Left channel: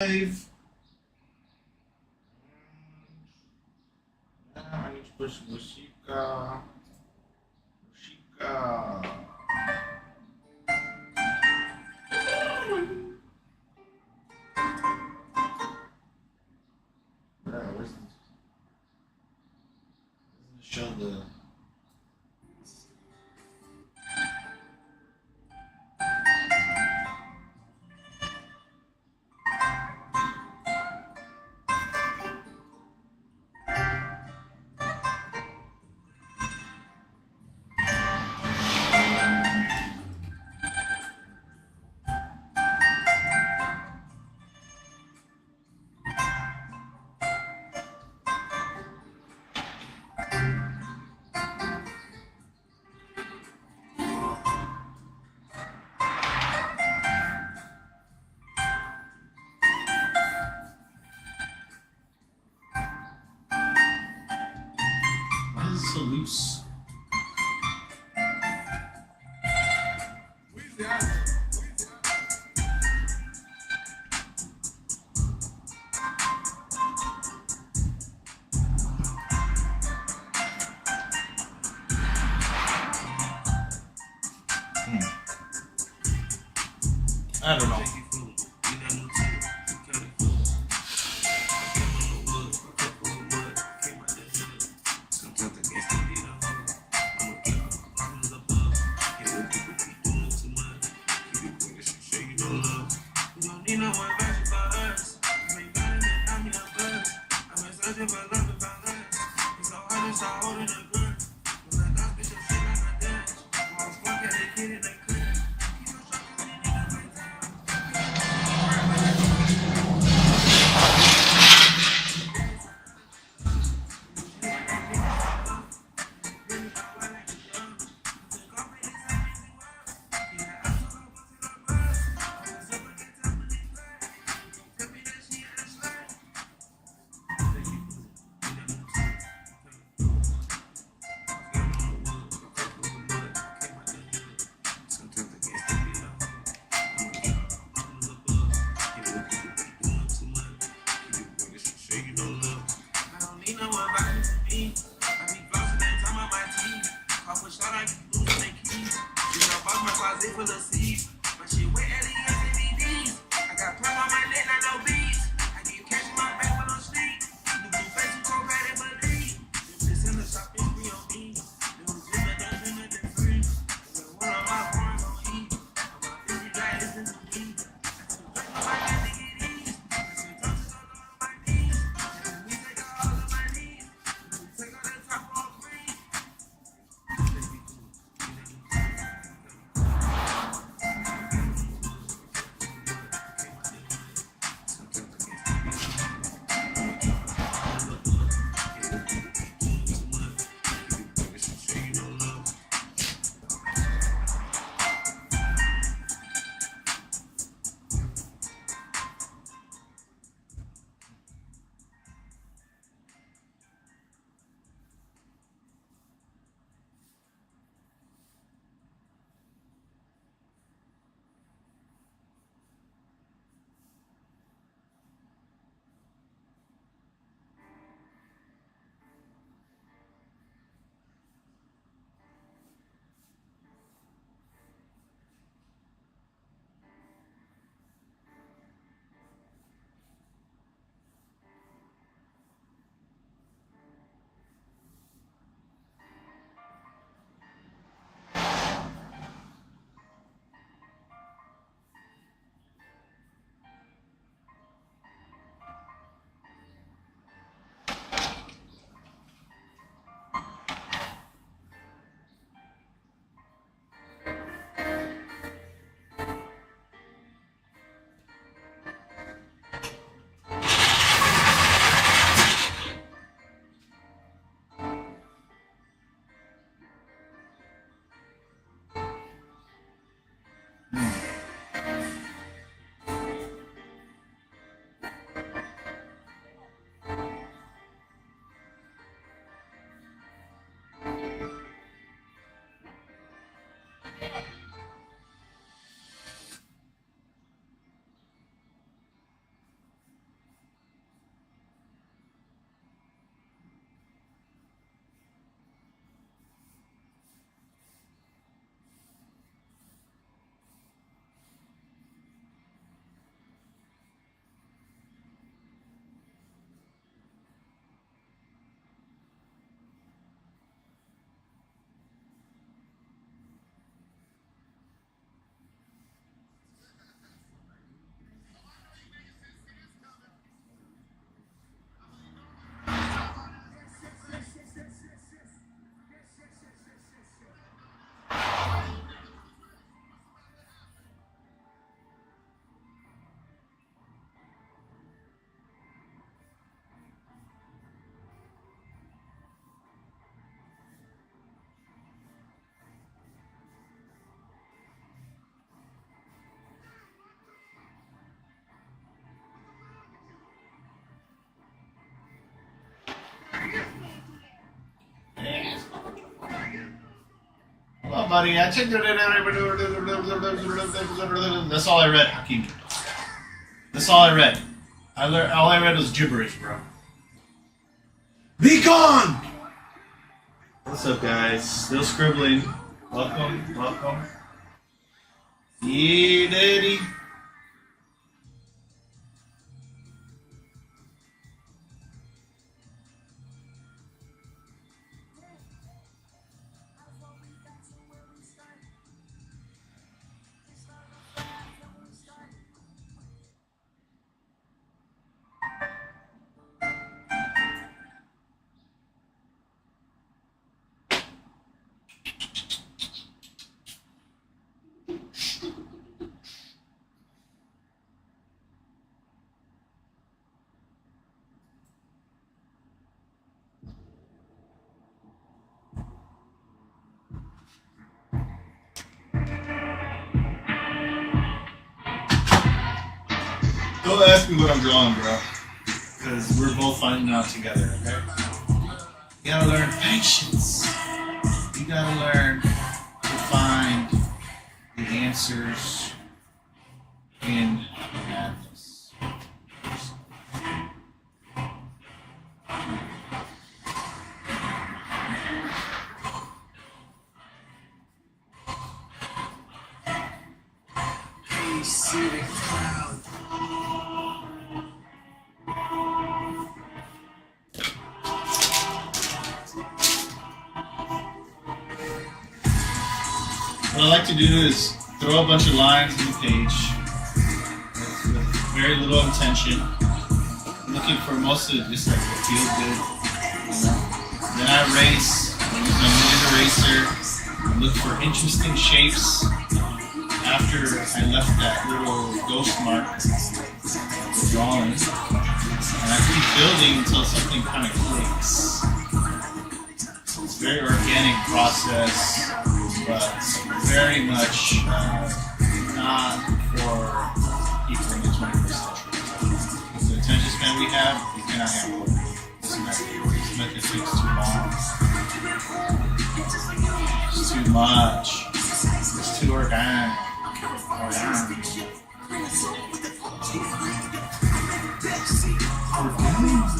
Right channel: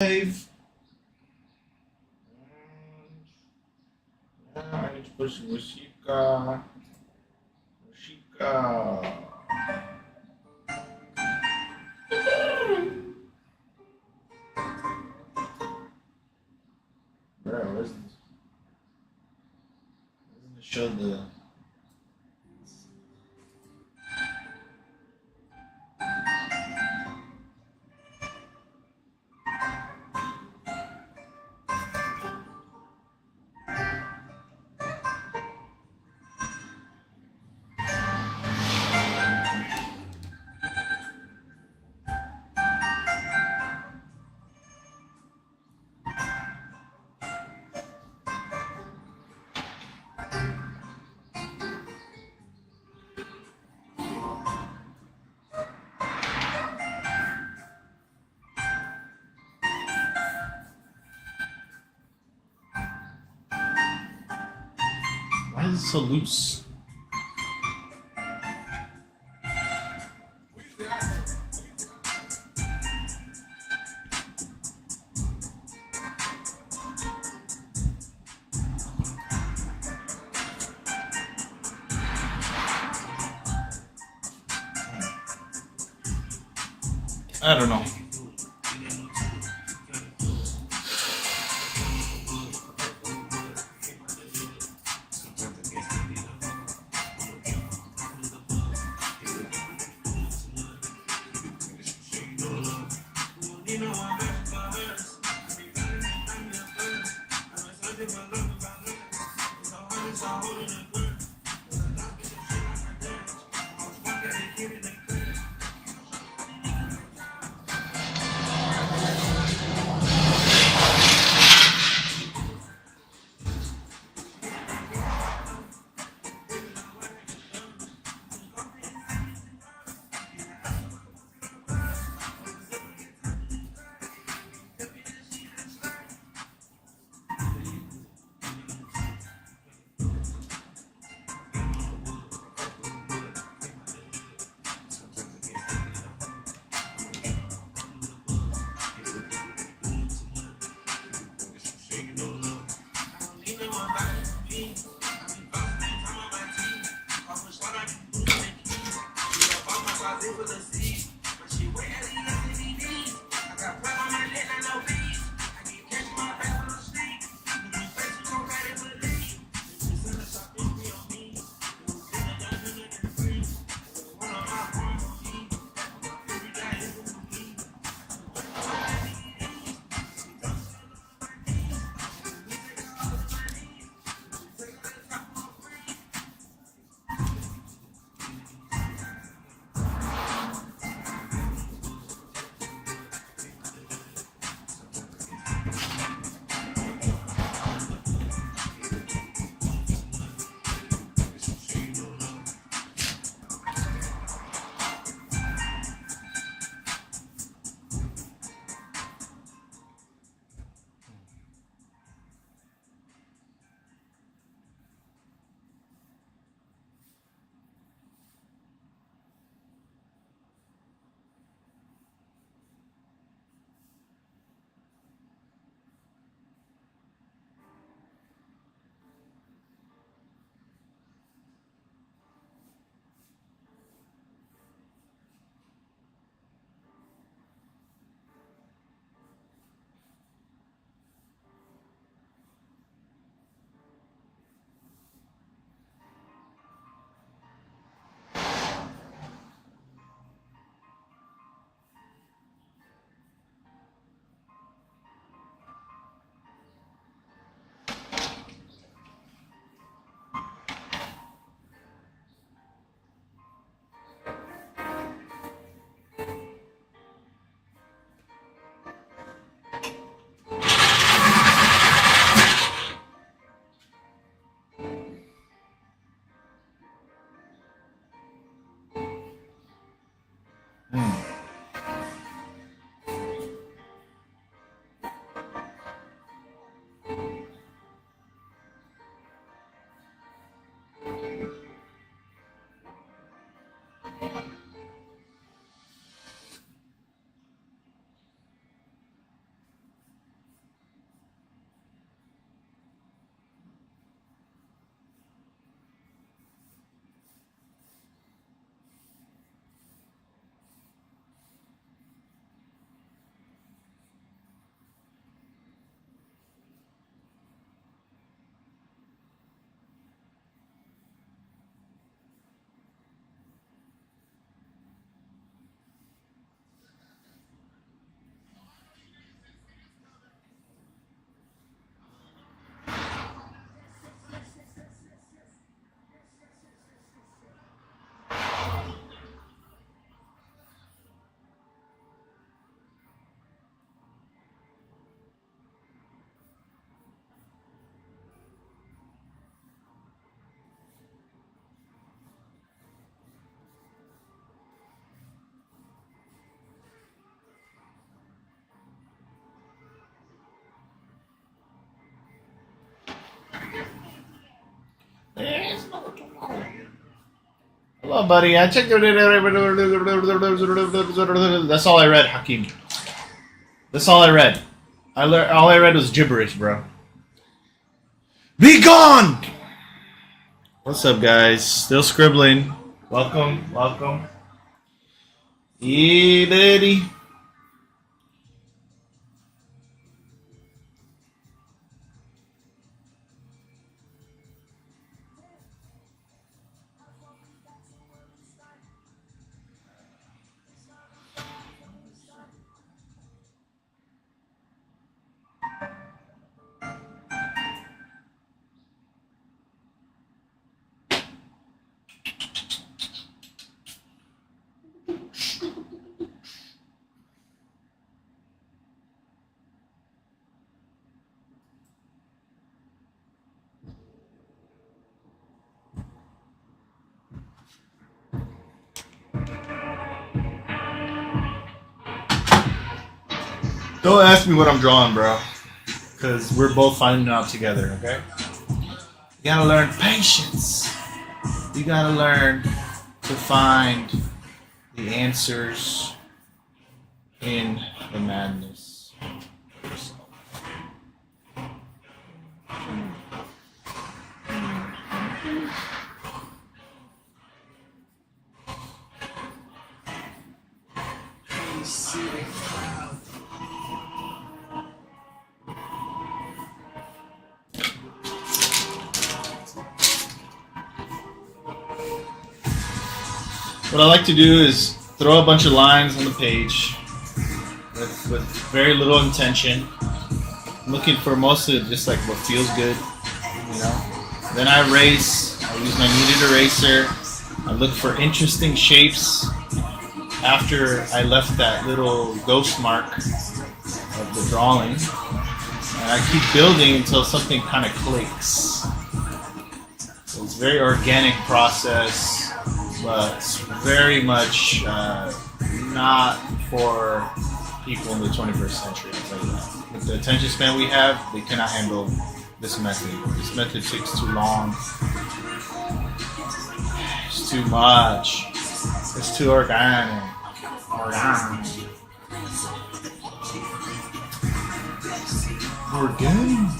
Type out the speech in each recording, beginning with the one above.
Live. I need to push Mushika. Bro, where's this? Doesn't it show the. Why is it so loose? I don't know. Hello, buddy. I checked. That's all I read, Hakeem. That's all I read. All I read was gibberish, bro. Be gone! What's up, guys? Still scribbling. Welcome, welcome. Yeah, daddy. Don't ask me what I'm drawing, bro. Because we're both finding out together, okay? You gotta learn patience. You gotta learn to find the answers in the madness. What I like to do is throw a bunch of lines on the page with very little intention. I'm looking for mostly just like what feels good. You know? Then I erase. I use my muted eraser. I look for interesting shapes after I left that little ghost mark of the drawing. And I keep building until something kind of clicks. So it's a very organic process. But very much not for people in the 21st century. Like, the attention span we have, they cannot handle this method. This method takes too long. It's too much. It's too organic. Organic.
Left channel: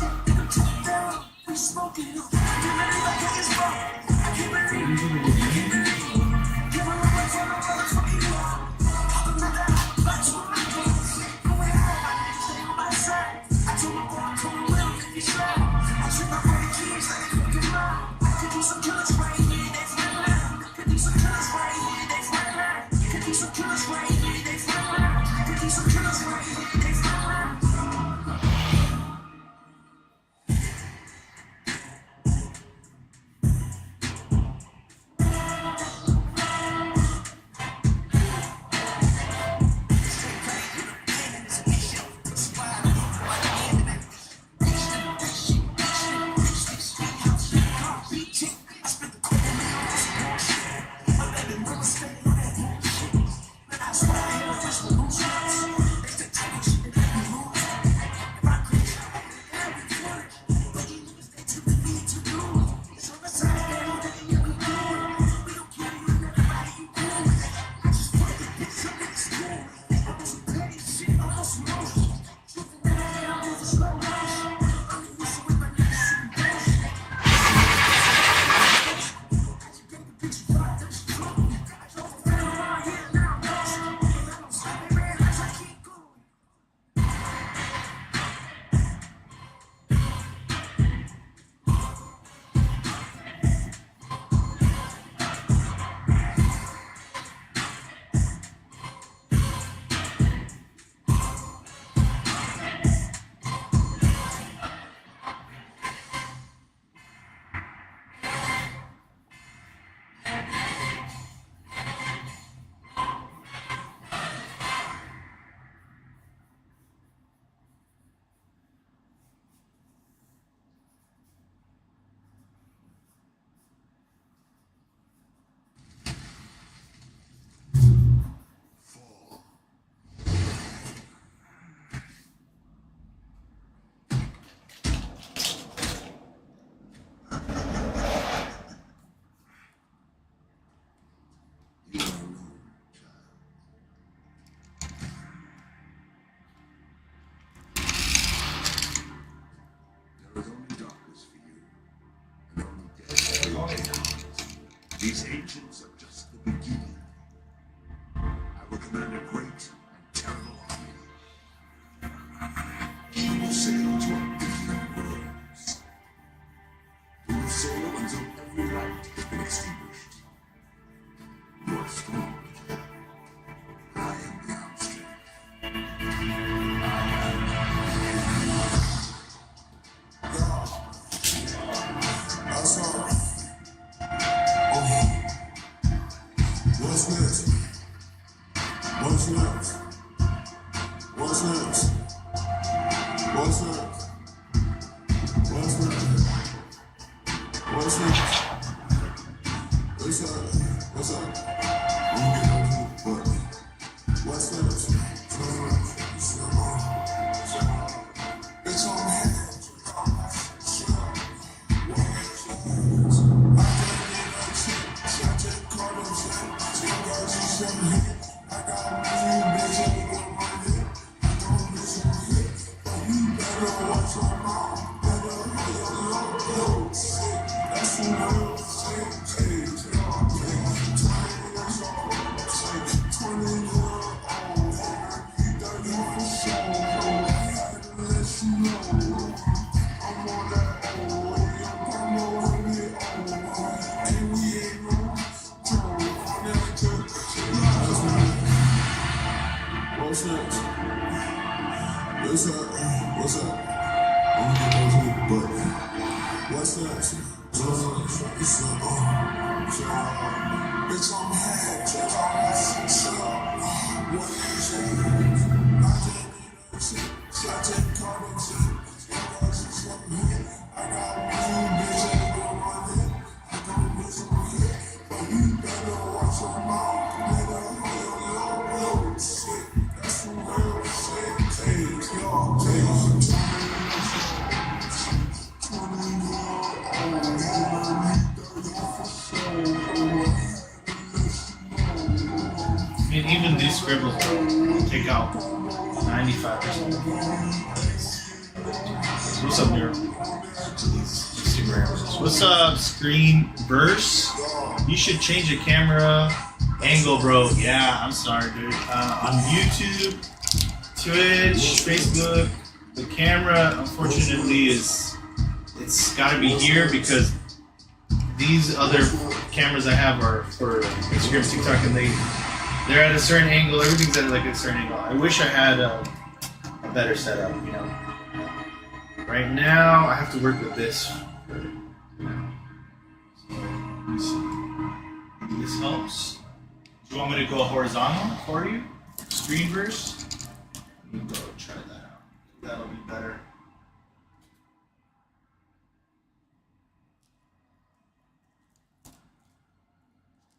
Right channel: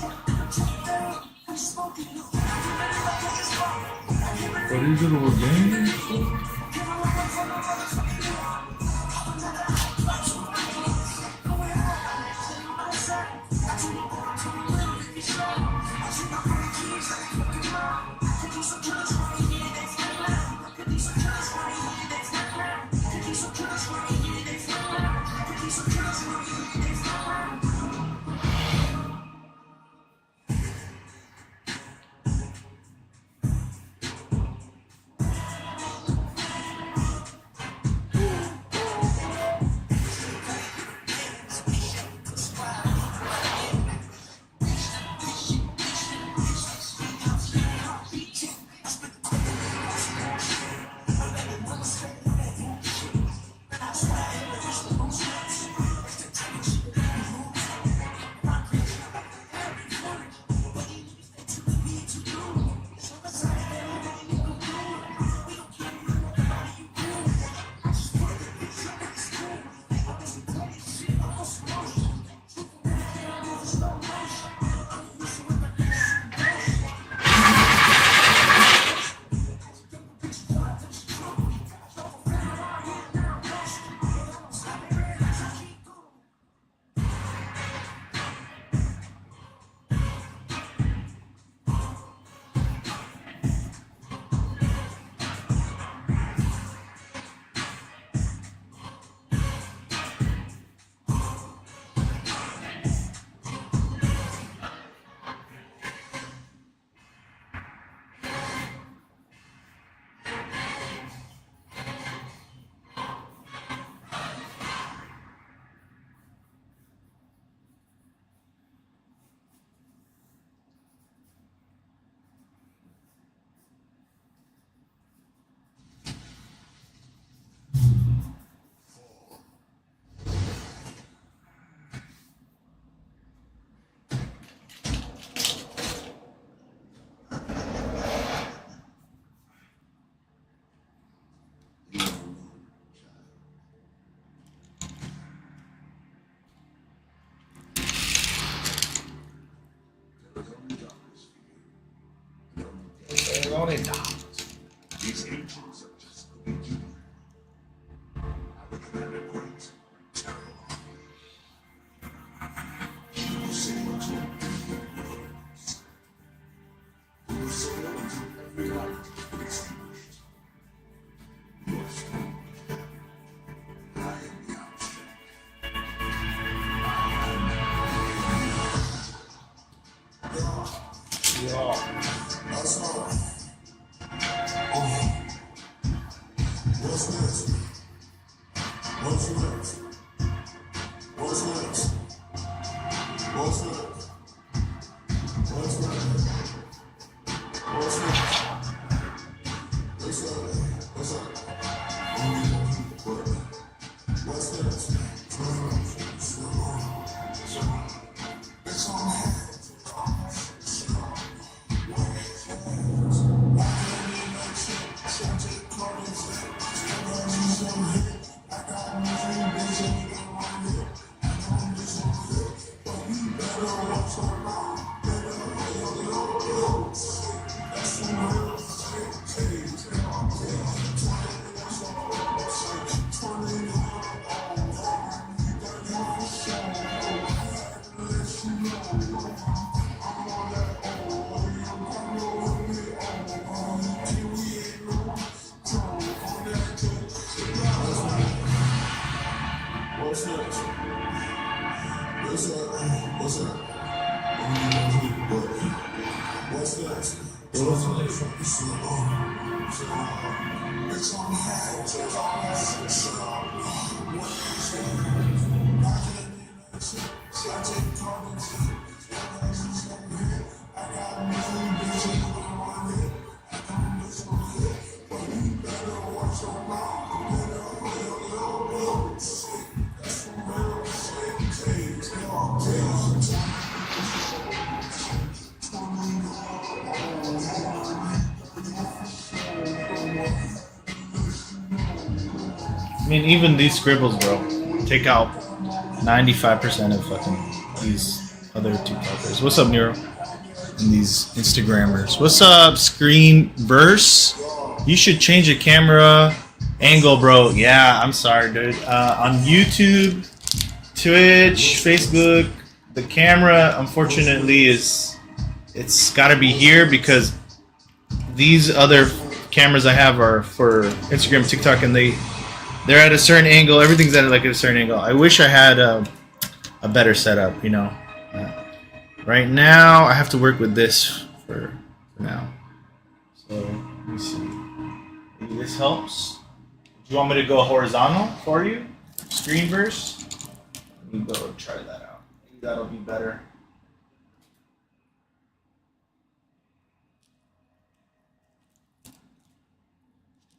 These angels are just the beginning. I will command a great and terrible army. You will sail to a different worlds. You will sail until every light has been extinguished. You are strong. I am the abstract. What's next? What's next? What's next? What's next? What's next? What's next? What's up? What's up? What's next? It's on me. I mean, even these scribbles, bro, take out 95% of fucking these other TikTokers. What's up, Nero? And these Instagrammers. What's up, Screenverse? You should change the camera angle, bro. Yeah, I'm sorry, dude. On YouTube, Twitch, Facebook, the camera, unfortunately, it's got to be here because these other cameras I have are for Instagram, TikTok, and they're at a certain angle. Everything's at like a certain angle. I wish I had a better setup, you know. Right now, I have to work with this for now. So, let me see. Maybe this helps. Do you want me to go horizontal for you? Screenverse? Let me go try that out. Maybe that'll be better.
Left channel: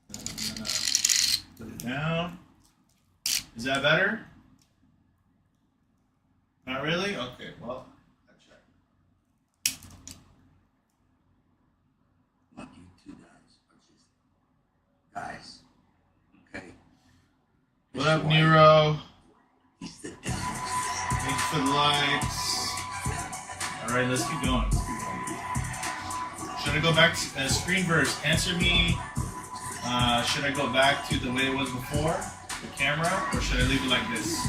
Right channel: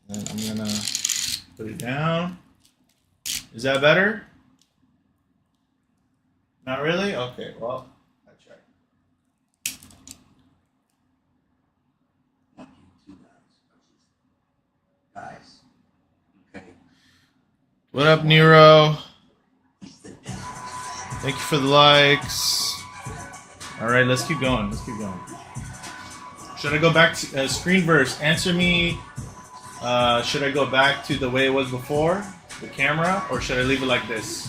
And I'm gonna put it down. Is that better? Not really? Okay, well, I tried. Not you two guys. Okay. What up, Nero? Thank you for the likes. All right, let's keep going. Should I go back to Screenverse? Answer me. Should I go back to the way it was before, the camera, or should I leave it like this?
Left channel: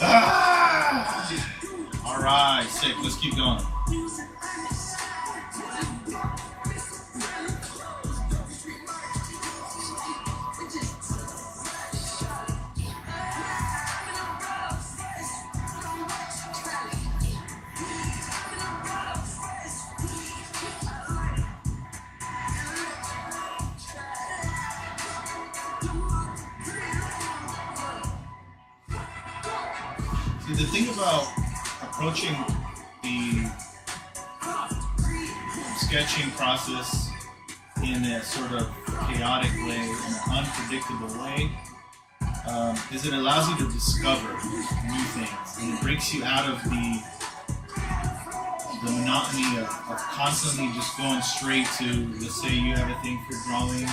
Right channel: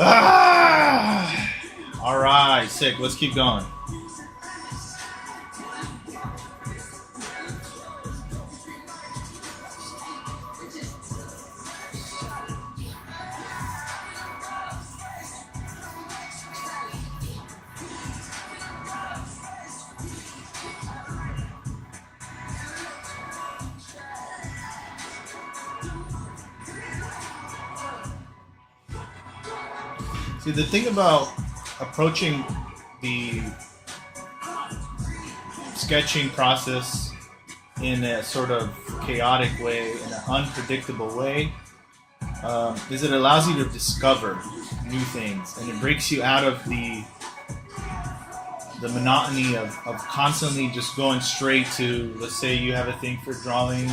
Ah! All right, sick. Let's keep going. See, the thing about approaching the sketching process in a sort of chaotic way, in an unpredictable way, is it allows you to discover new things, and it breaks you out of the monotony of constantly just going straight to, let's say you have a thing for drawing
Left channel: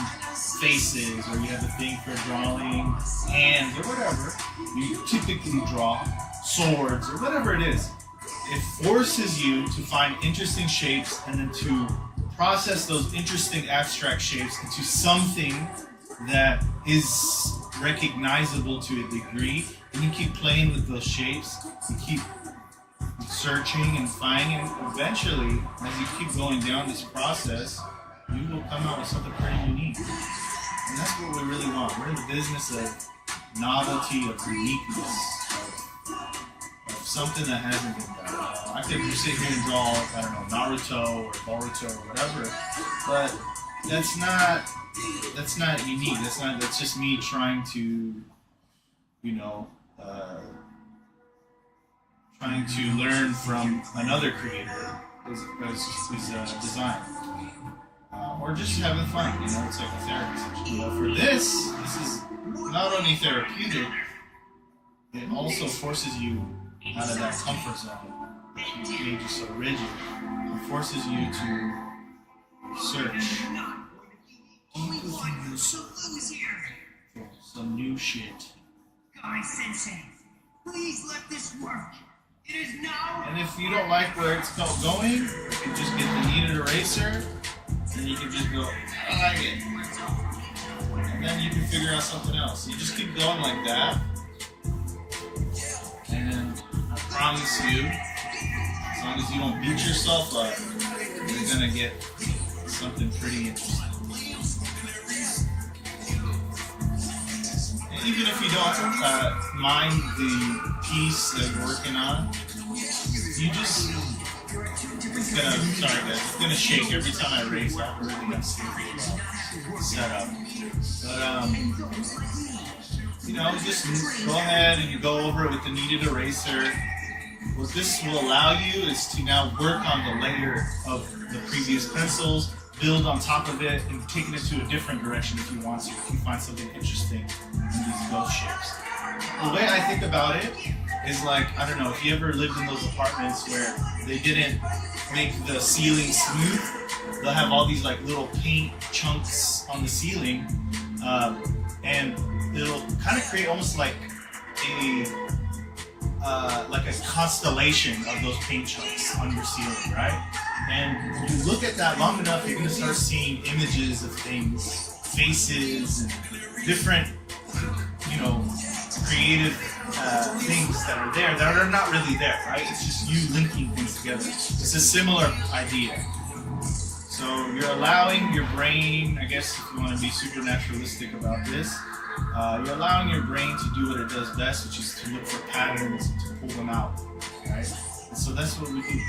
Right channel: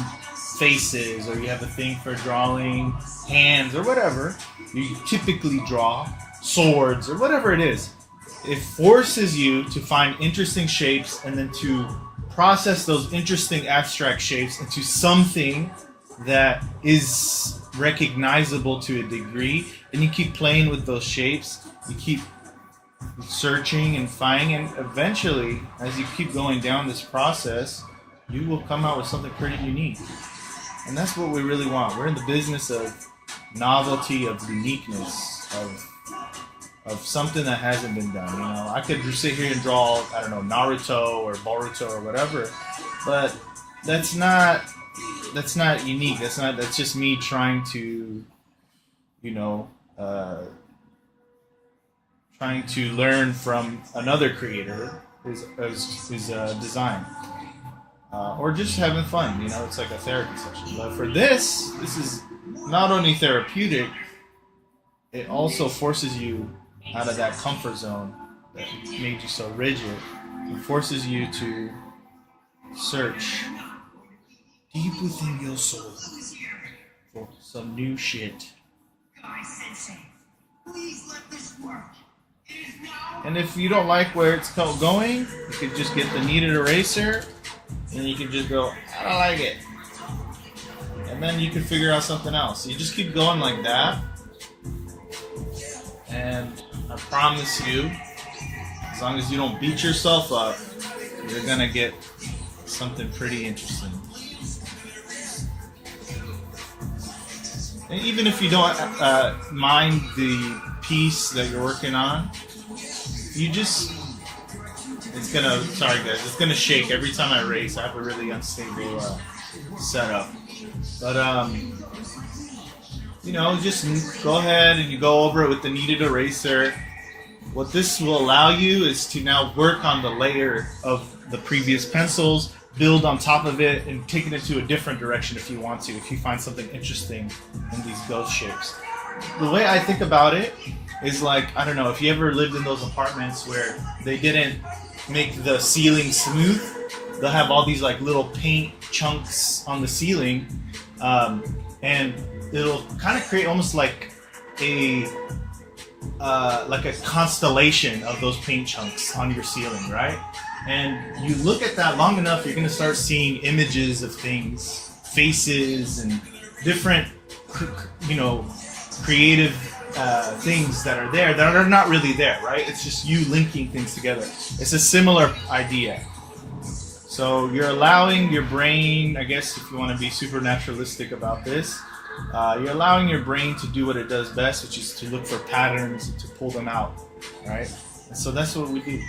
faces, or you have a thing for drawing hands, or whatever. You typically draw swords, or whatever it is. It forces you to find interesting shapes and then to process those interesting abstract shapes into something that is recognizable to a degree, and you keep playing with those shapes, you keep searching and finding, and eventually, as you keep going down this process, you will come out with something pretty unique. And that's what we really want. We're in the business of novelty, of uniqueness, of something that hasn't been done. You know, I could just sit here and draw, I don't know, Naruto or Boruto or whatever, but that's not unique. That's just me trying to, you know, trying to learn from another creator who's design. Or just having fun, you know, it's like a therapy session. But for this is not only therapeutic, it also forces you out of that comfort zone that made you so rigid. It forces you to search deep within your soul for some new shit. Sensei, please let this work. It is now. And if you don't like where it's going, you can just get the kneaded eraser, and you can just go, I don't like it. And then you can figure out something else. You just keep going like that. And I promise you, as long as you don't beat yourself up, you're gonna get something pretty interesting. And even if you don't mind the piece that you're working on, you just, it's gonna shake every time I erase. I have a really unstable setup. But, you know, just go ahead and you go over it with the kneaded eraser. What this will allow you is to now work on the layer of the previous pencils, build on top of it, and take it into a different direction if you want to, if you find something interesting in these ghost shapes. The way I think about it is like, I don't know, if you ever lived in those apartments where they didn't make the ceiling smooth, they'll have all these like little paint chunks on the ceiling, and it'll kind of create almost like a constellation of those paint chunks on your ceiling, right? And you look at that long enough, you're gonna start seeing images of things, faces, and different, you know, creative things that are there that are not really there, right? It's just you linking things together. It's a similar idea. So you're allowing your brain, I guess if you want to be super naturalistic about this, you're allowing your brain to do what it does best, which is to look for patterns and to pull them out, right? And so that's what we do.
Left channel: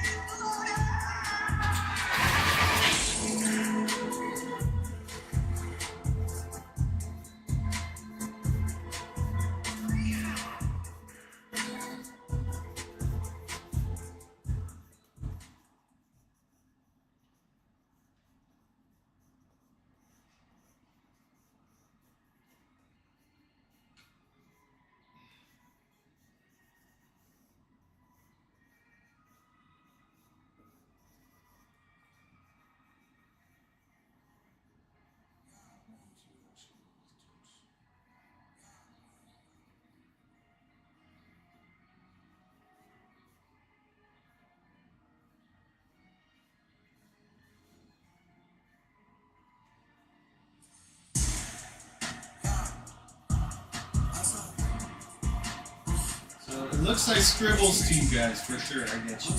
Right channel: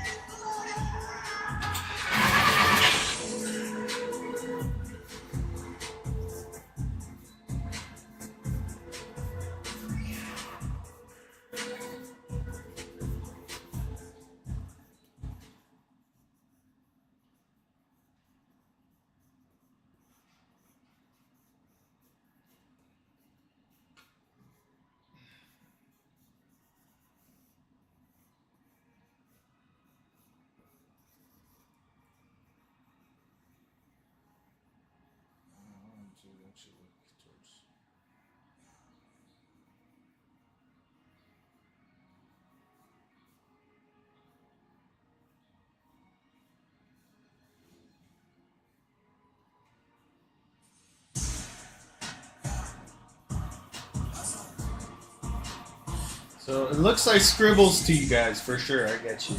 So it looks like scribbles to you guys, for sure, I get you.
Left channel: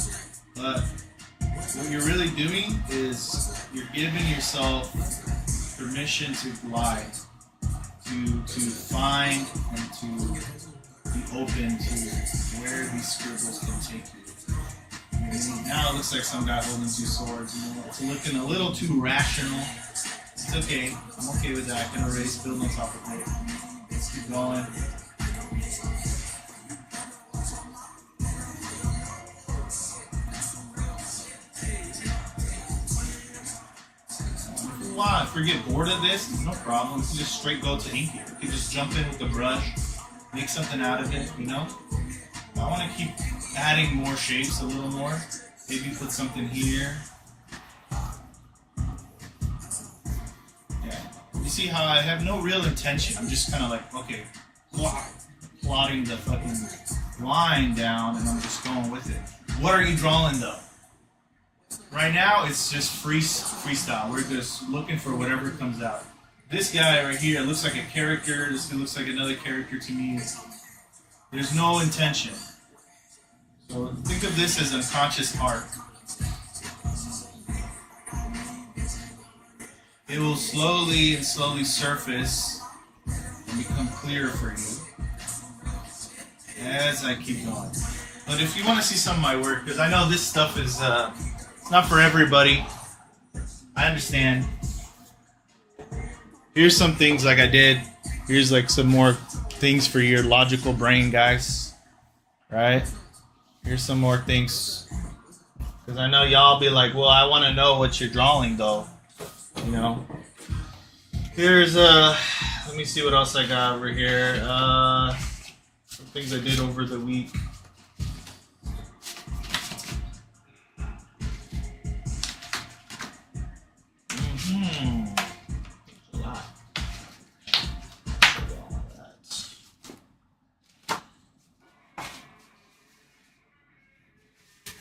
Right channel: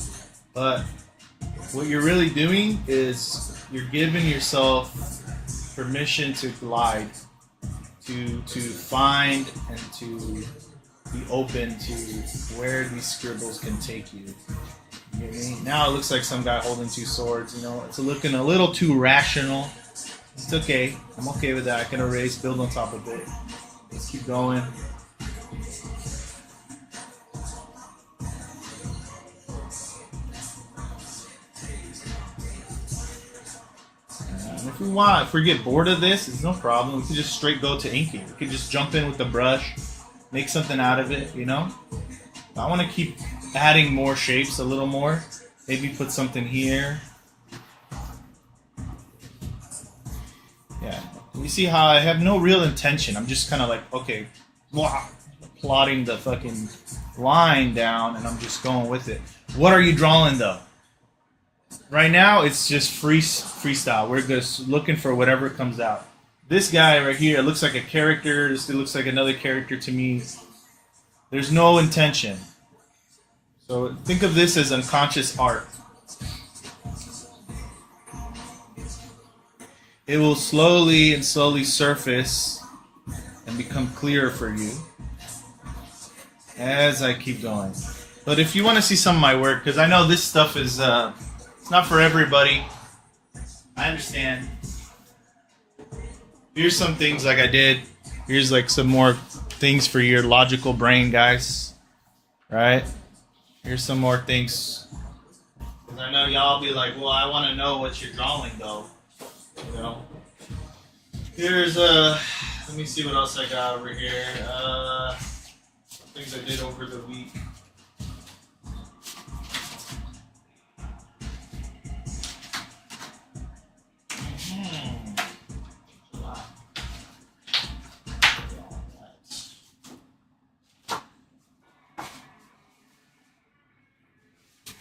But what you're really doing is you're giving yourself permission to glide, to find and to be open to where these scribbles can take you. And now it looks like some guy holding two swords, you know, it's looking a little too rational. It's okay, I'm okay with that. I can erase, build on top of it. Let's keep going. If we get bored of this, it's no problem. We can just straight go to inking. We can just jump in with the brush, make something out of it, you know? I want to keep adding more shapes a little more. Maybe put something here. Yeah. You see how I have no real intention. I'm just kind of like, okay, plotting the fucking line down, and I'm just going with it. What are you drawing though? Right now, it's just freestyle. We're just looking for whatever comes out. This guy right here looks like a character. This looks like another character to me. There's no intention. So think of this as unconscious art. It will slowly and slowly surface and become clearer for you as I keep going. But if you want to see some of my work, because I know this stuff is it's not for everybody. I understand. Here's some things like I did. Here's like some more things for your logical brain, guys. Right? Here's some more things. Because I know y'all be like, well, I want to know what you're drawing, though. You know? Here's, let me see what else I got over here. Some things I did over the week.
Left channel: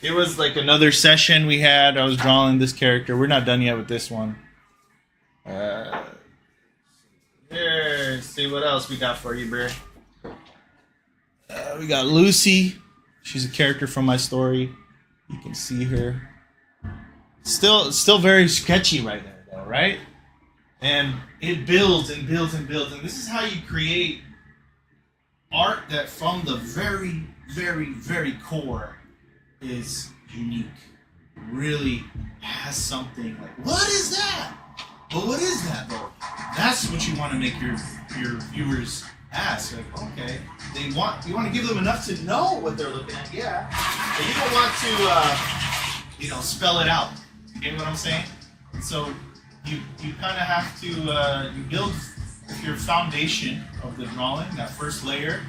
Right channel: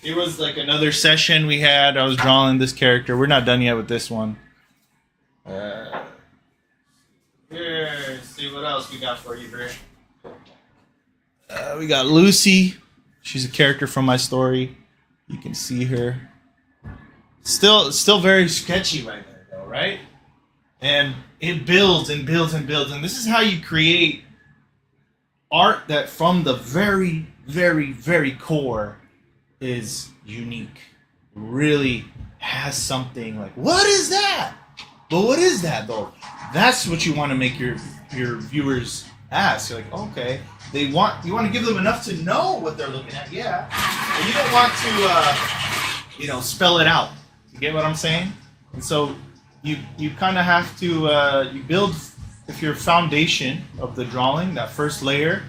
It was like another session we had. I was drawing this character. We're not done yet with this one. Here, see what else we got for you, bro. We got Lucy. She's a character from my story. You can see her. Still very sketchy right there, though, right? And it builds and builds and builds. And this is how you create art that from the very, very, very core is unique. Really has something like, what is that? But what is that though? That's what you want to make your viewers ask. You're like, okay, you want to give them enough to know what they're looking at, yeah. But you don't want to spell it out. You get what I'm saying? And so you kind of have to you build with your foundation of the drawing, that first layer.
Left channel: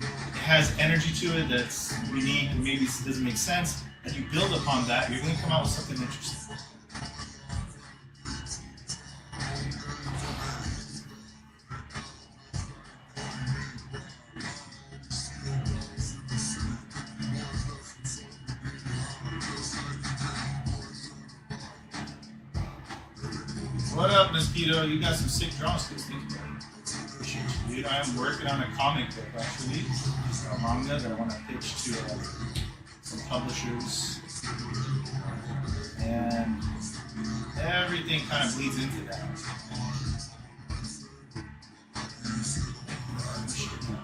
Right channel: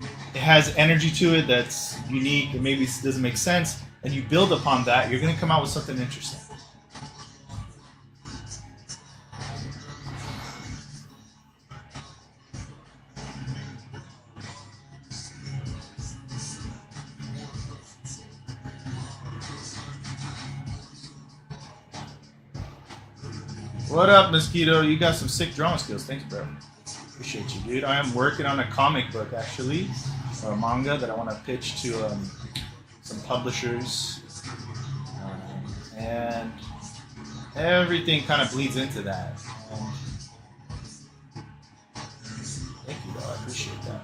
It has energy to it that's unique and maybe it doesn't make sense, and you build upon that, you're going to come out with something interesting. What up, Mosquito? You got some sick drawing skills. Thanks, bro. Appreciate you, dude. I am working on a comic book, actually, or a manga that I want to pitch to some publishers, and everything kind of bleeds into that. Thank you, bro. I appreciate that.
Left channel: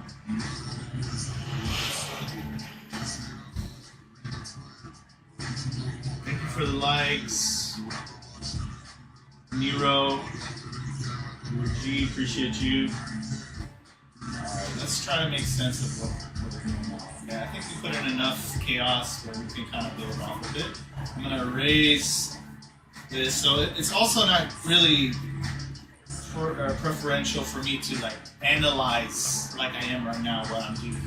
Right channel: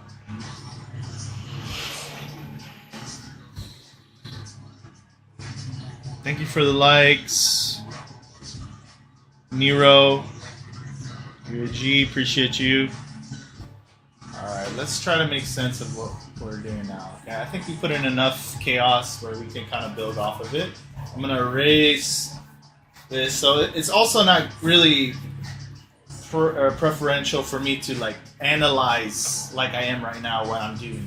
Thank you for the likes. Nero, you're a G, appreciate you. Alright, let's try to make sense of what we're doing now. Okay, I think we put in enough chaos where we can kind of build off of it. I'm going to erase this. So it's also not really preferential for me to like analyze like I am right now what I'm doing.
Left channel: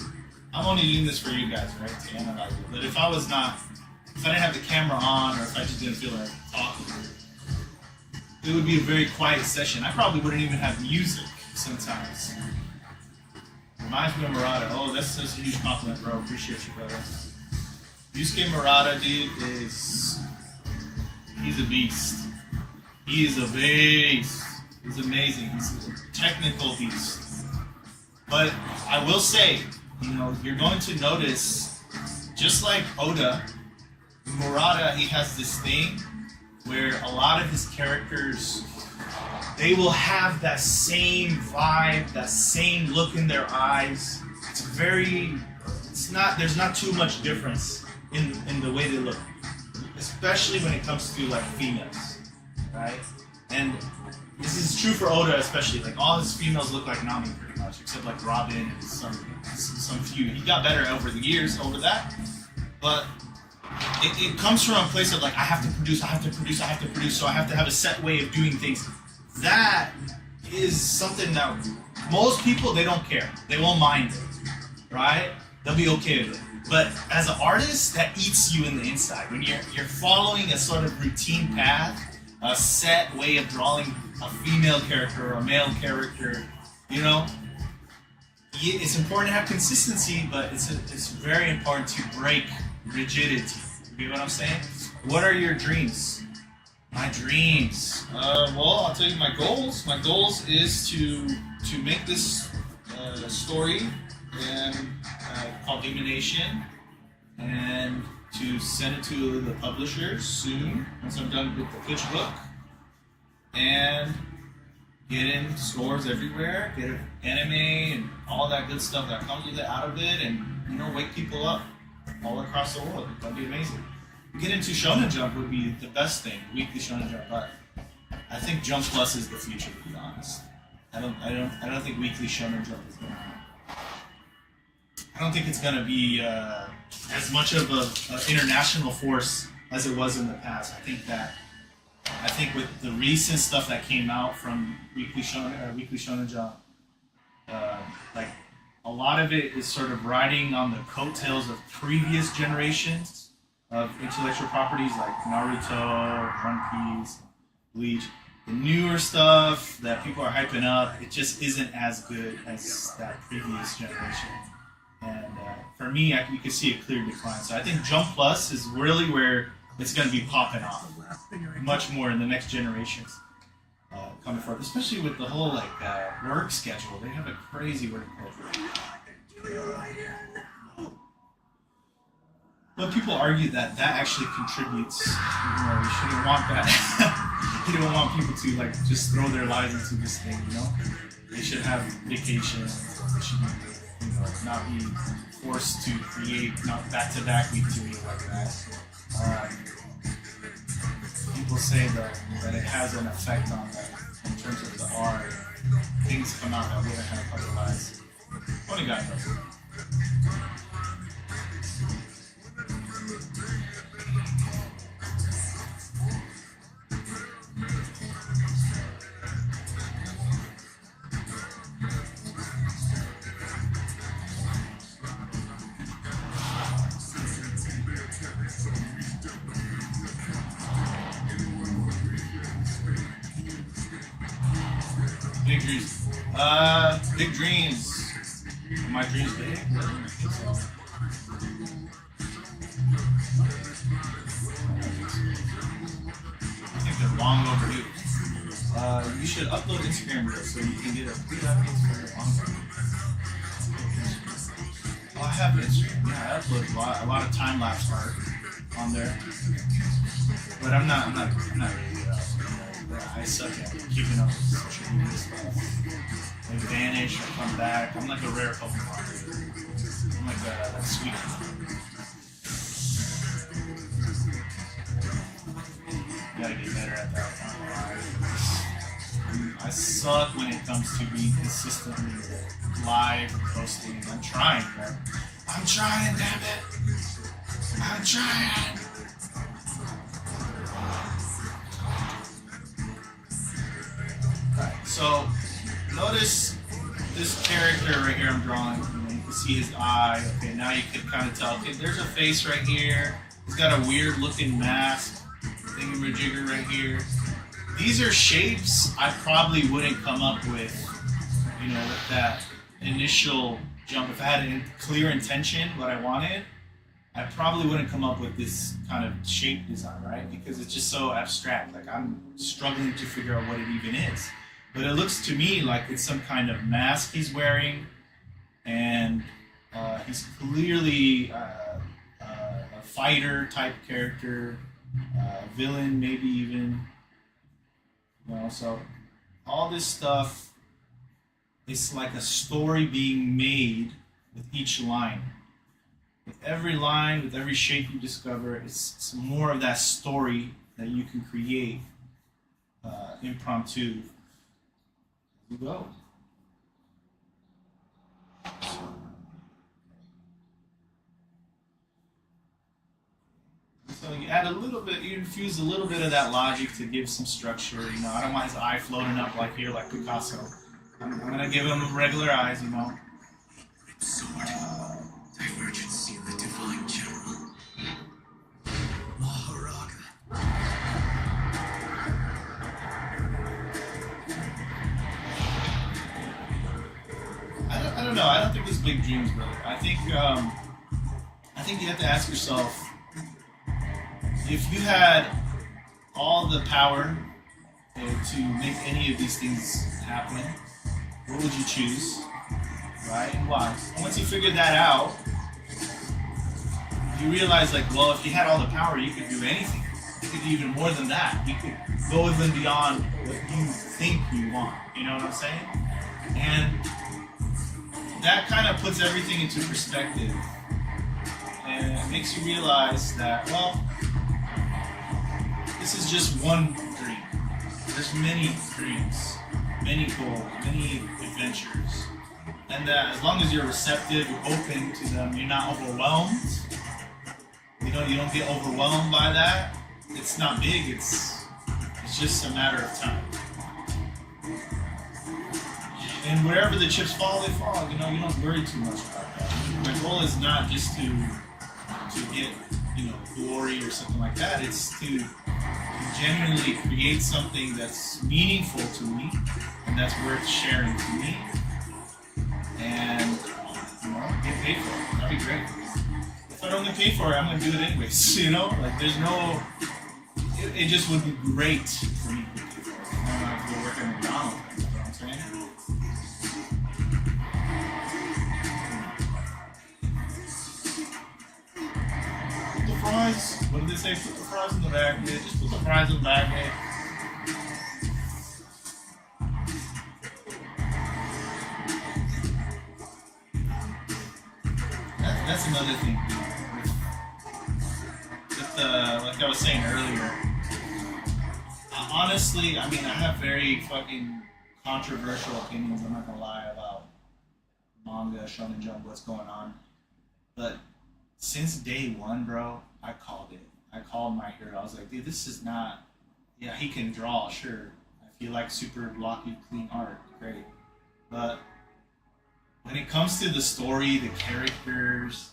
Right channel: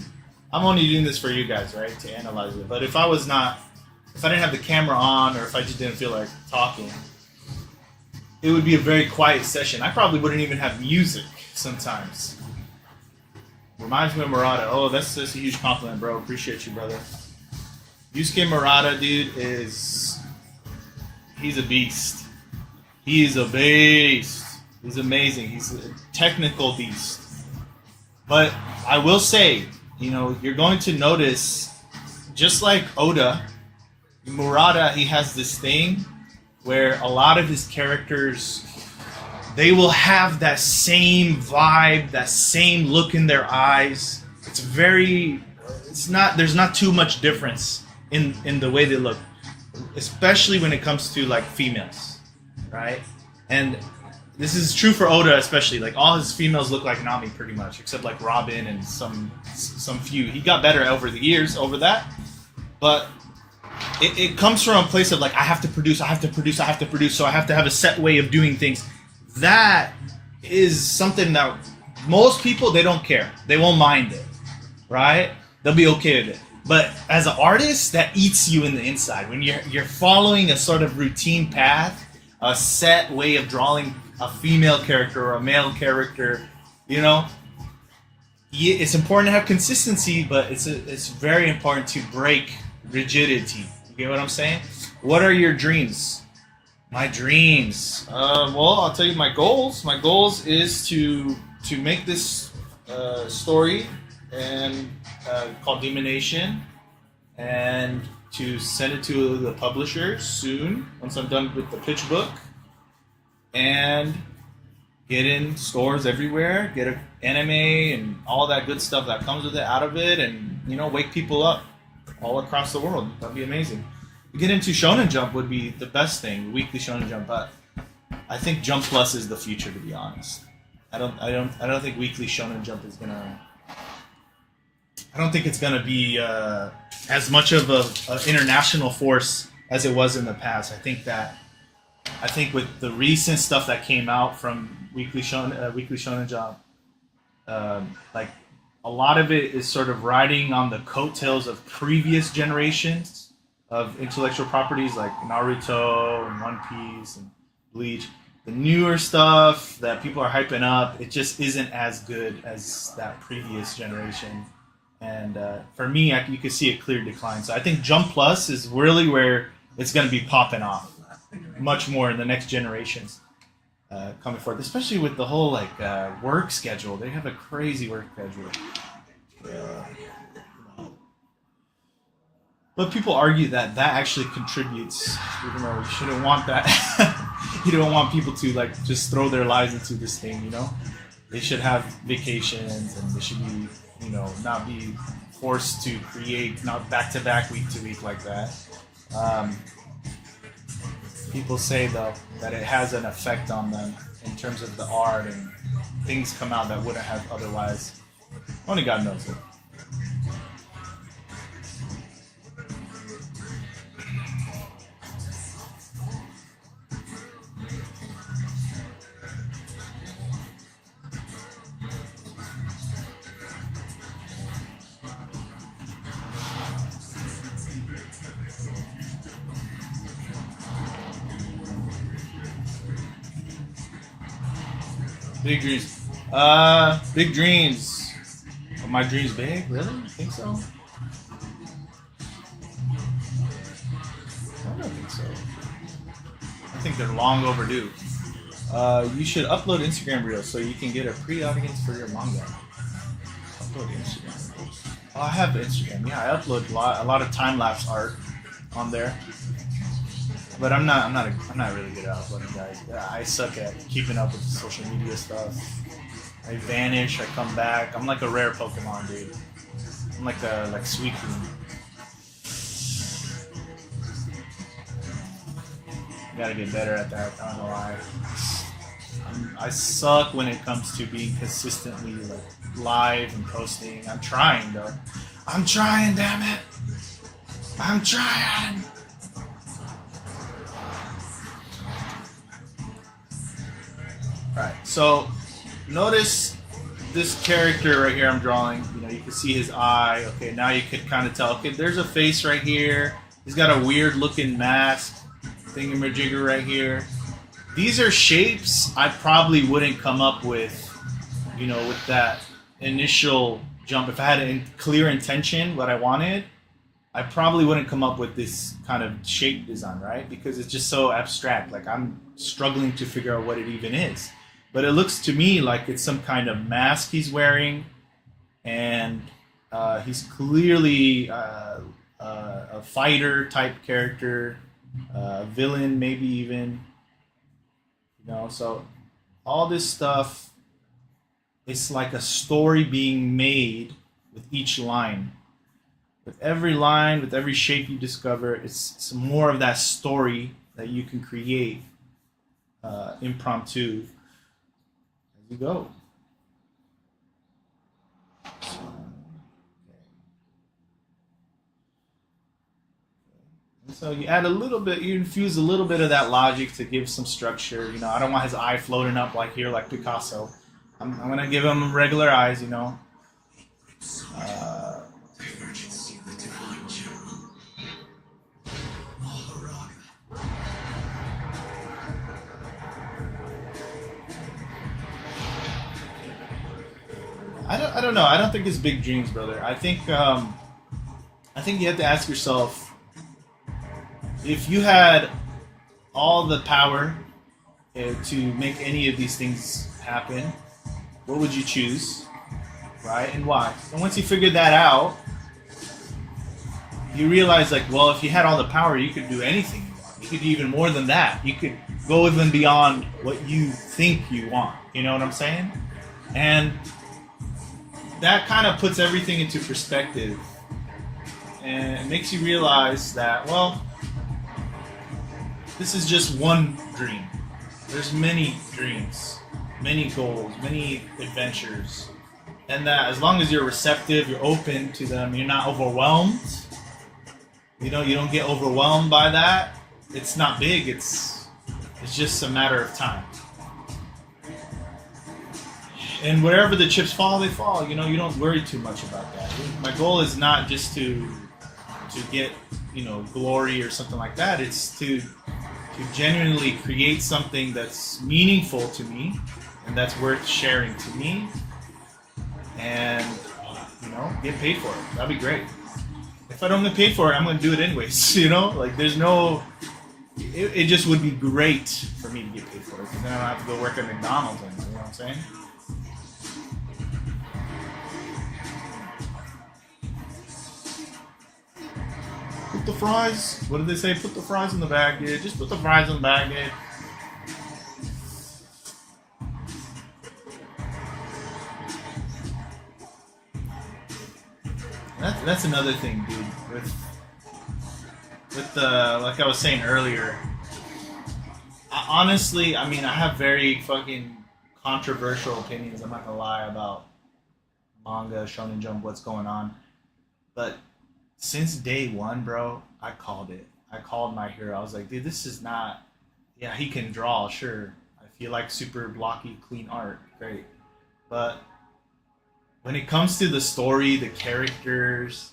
I'm only doing this for you guys, right, to analyze it. But if I didn't have the camera on, or if I just didn't feel like talking, it would be a very quiet session. I probably wouldn't even have music sometimes. Reminds me of Murata. Oh, that's just a huge compliment, bro. Appreciate you, brother. Yusuke Murata, dude, he's a beast. He is a beast. He's amazing. He's a technical beast. But I will say, you're going to notice, just like Oda, Murata, he has this thing where a lot of his characters, they will have that same vibe, that same look in their eyes. There's not too much difference in the way they look, especially when it comes to like females, right? And this is true for Oda especially. Like all his females look like Nami pretty much, except like Robin and some few. He got better over the years over that, but it comes from a place of like, I have to produce, so I have to have a set way of doing things. That is something that most people, they don't care. They won't mind it, right? They'll be okay with it. But as an artist, that eats you in the inside. When you're following a sort of routine path, a set way of drawing a female character or a male character, you know, it's important to have consistency, but it's very important to break rigidity. You get what I'm saying? What are your dreams? My dreams. Well, I'll tell you my goals. My goals is to make this story and called Demonation, and to send it to the publisher soon once I'm done with the pitch book, and get in stores everywhere, get an anime and all that good stuff that comes with it out of it, and you know, wake people up all across the world. That'd be amazing. To get into Shonen Jump would be the best thing, weekly Shonen Jump, but I think Jump Plus is the future, to be honest. I don't think weekly Shonen Jump is gonna. I don't think it's gonna be as much of an international force as it was in the past. I think with the recent stuff that came out from weekly Shonen Jump, like a lot of it is sort of riding on the coattails of previous generations of intellectual properties like Naruto and One Piece and Bleach. The newer stuff that people are hyping up, it just isn't as good as that previous generation. And for me, you can see a clear decline. So I think Jump Plus is really where it's going to be popping off much more in the next generations coming forth, especially with the whole work schedule. They have a crazy work schedule. But people argue that actually contributes, even though you shouldn't want that. You don't want people to just throw their lives into this thing, you know? They should have vacations, and they should be, not be forced to create not back-to-back, week-to-week like that. People say that it has an effect on them in terms of the art, and things come out that wouldn't have otherwise. Only God knows it. Big dreams. Big dreams. Are my dreams big? Really? I think so. I don't think so. I think they're long overdue. You should upload Instagram Reels so you can get a free audience for your manga. Oh, I have Instagram. Yeah, I upload a lot of time-lapse art on there. But I'm not really good at uploading, guys. I suck at keeping up with social media stuff. I vanish, I come back. I'm like a rare Pokemon, dude. I'm like Sweet. Gotta get better at that. I don't know why. I suck when it comes to being consistently live and posting. I'm trying, but I'm trying, damn it. I'm trying. Alright, so notice this character right here I'm drawing. You can see his eye. Okay, now you can kind of tell. Okay, there's a face right here. He's got a weird looking mask. Thingamajigger right here. These are shapes I probably wouldn't come up with, with that initial jump. If I had a clear intention, what I wanted, I probably wouldn't come up with this kind of shape design, right? Because it's just so abstract. Like, I'm struggling to figure out what it even is. But it looks to me like it's some kind of mask he's wearing, and he's clearly a fighter type character, villain maybe even. So all this stuff, it's like a story being made with each line. With every line, with every shape you discover, it's some more of that story that you can create impromptu as you go. So you add a little bit, you infuse a little bit of that logic to give some structure. I don't want his eye floating up like here, like Picasso. I'm going to give him regular eyes, I don't know. I don't think it's big dreams, brother. I think you have to ask yourself, if you had all the power to make any of these things happen, what would you choose, right, and why? And once you figure that out, you realize, like, well, if you had all the power, you could do anything. You could do even more than that. You could go even beyond what you think you want. You know what I'm saying? And that kind of puts everything into perspective, and it makes you realize that, well, this is just one dream. There's many dreams, many goals, many adventures, and that as long as you're receptive, you're open to them, you're not overwhelmed. You know, you don't get overwhelmed by that. It's not big. It's just a matter of time. And wherever the chips fall, they fall. You know, you don't worry too much about that. My goal is not just to get, you know, glory or something like that. It's to genuinely create something that's meaningful to me and that's worth sharing to me, and, you know, get paid for it. That'd be great. If I don't get paid for it, I'm going to do it anyways. You know, like, there's no. It just would be great for me to get paid for it. Then I don't have to go work at McDonald's. You know what I'm saying? Put the fries. What did they say? Put the fries in the bag. Yeah, just put the fries in the bag. Yeah. That's another thing, dude. With the, like I was saying earlier, honestly, I mean, I have very fucking controversial opinions, I'm not gonna lie, about manga, Shonen Jump, what's going on. But since day one, bro, I called it. I called my hero. I was like, dude, this is not, yeah, he can draw, sure. I feel like super blocky, clean art, great. But when it comes to the story, the characters,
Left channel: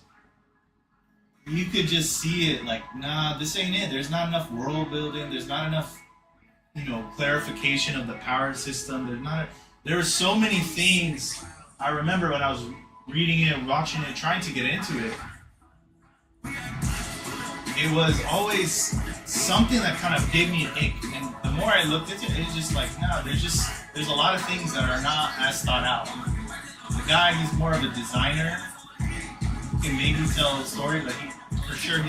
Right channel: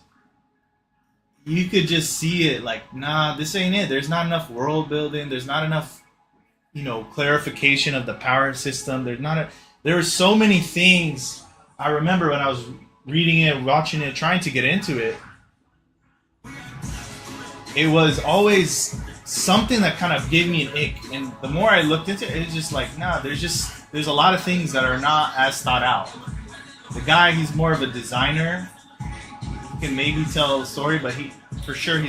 you could just see it like, nah, this ain't it. There's not enough world building. There's not enough, you know, clarification of the power system. There were so many things. I remember when I was reading it, watching it, trying to get into it, it was always something that kind of gave me an ick. And the more I looked into it, it's just like, nah, there's a lot of things that are not as thought out. The guy, he's more of a designer. He can maybe tell a story, but he's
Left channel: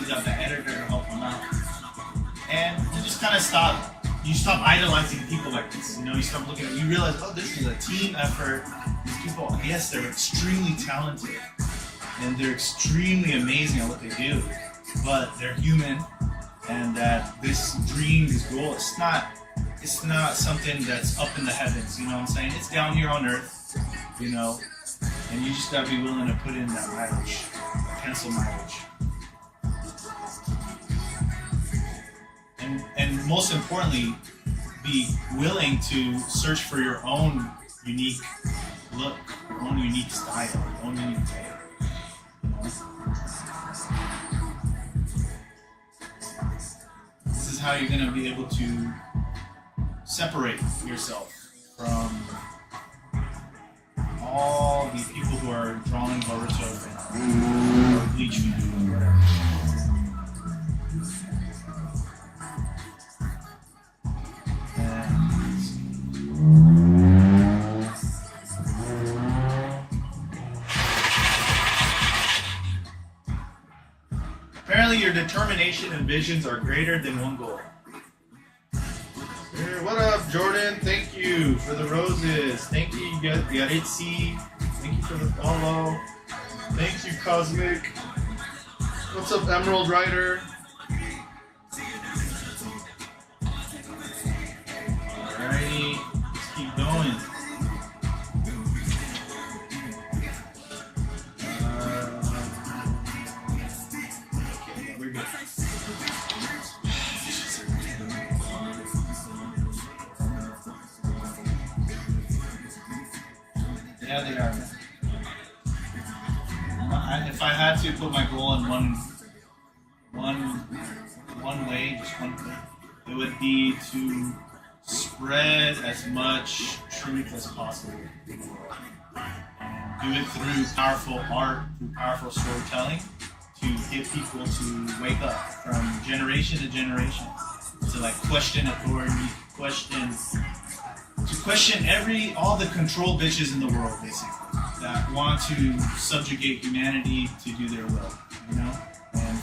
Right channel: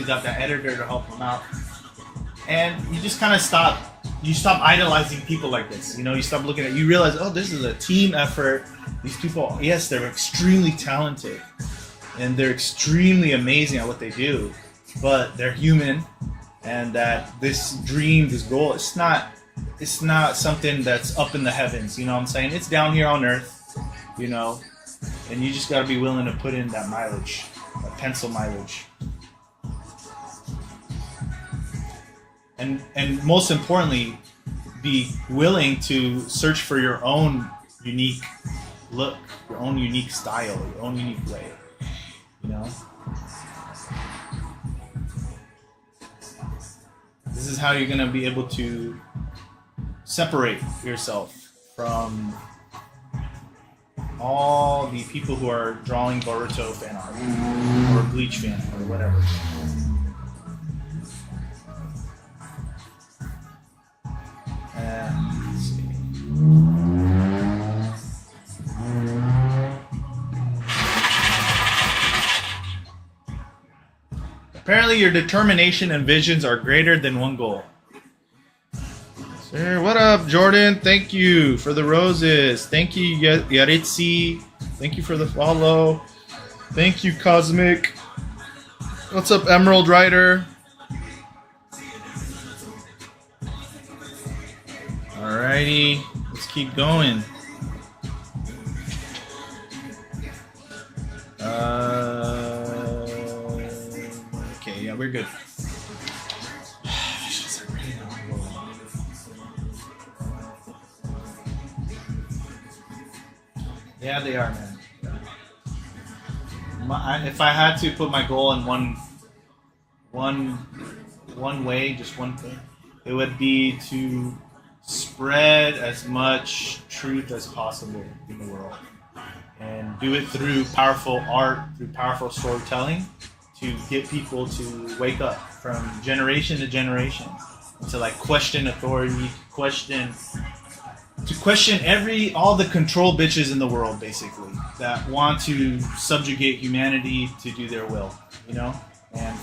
got the editor to help him out. And you just kind of stop idolizing people like this. You know, you stop looking at, you realize, oh, this is a team effort. These people, yes, they're extremely talented and they're extremely amazing at what they do, but they're human, and that this dream, this goal, it's not something that's up in the heavens. You know what I'm saying? It's down here on earth, you know, and you just gotta be willing to put in that mileage, that pencil mileage. And most importantly, be willing to search for your own unique look, your own unique style, your own unique way. You know? This is how you're gonna be able to separate yourself from all the people who are drawing Boruto fan art or Bleach fan or whatever. Apparently your determination and visions are greater than one goal. Sir, what up, Jordan? Thank you for the roses. Thank you, Yaritsi. Thank you for the follow. Thank you, Cosmic. What's up, Emerald Rider? Alrighty, let's keep going. Okay, yeah, we're good. Yeah, they are. If I had to put my goal in one way, just one thing, it would be to spread as much truth as possible in the world, and do it through powerful art, through powerful storytelling, to get people to wake up from generation to generation, to like question authority, question all the control bitches in the world, basically, that want to subjugate humanity to do their will, you know, and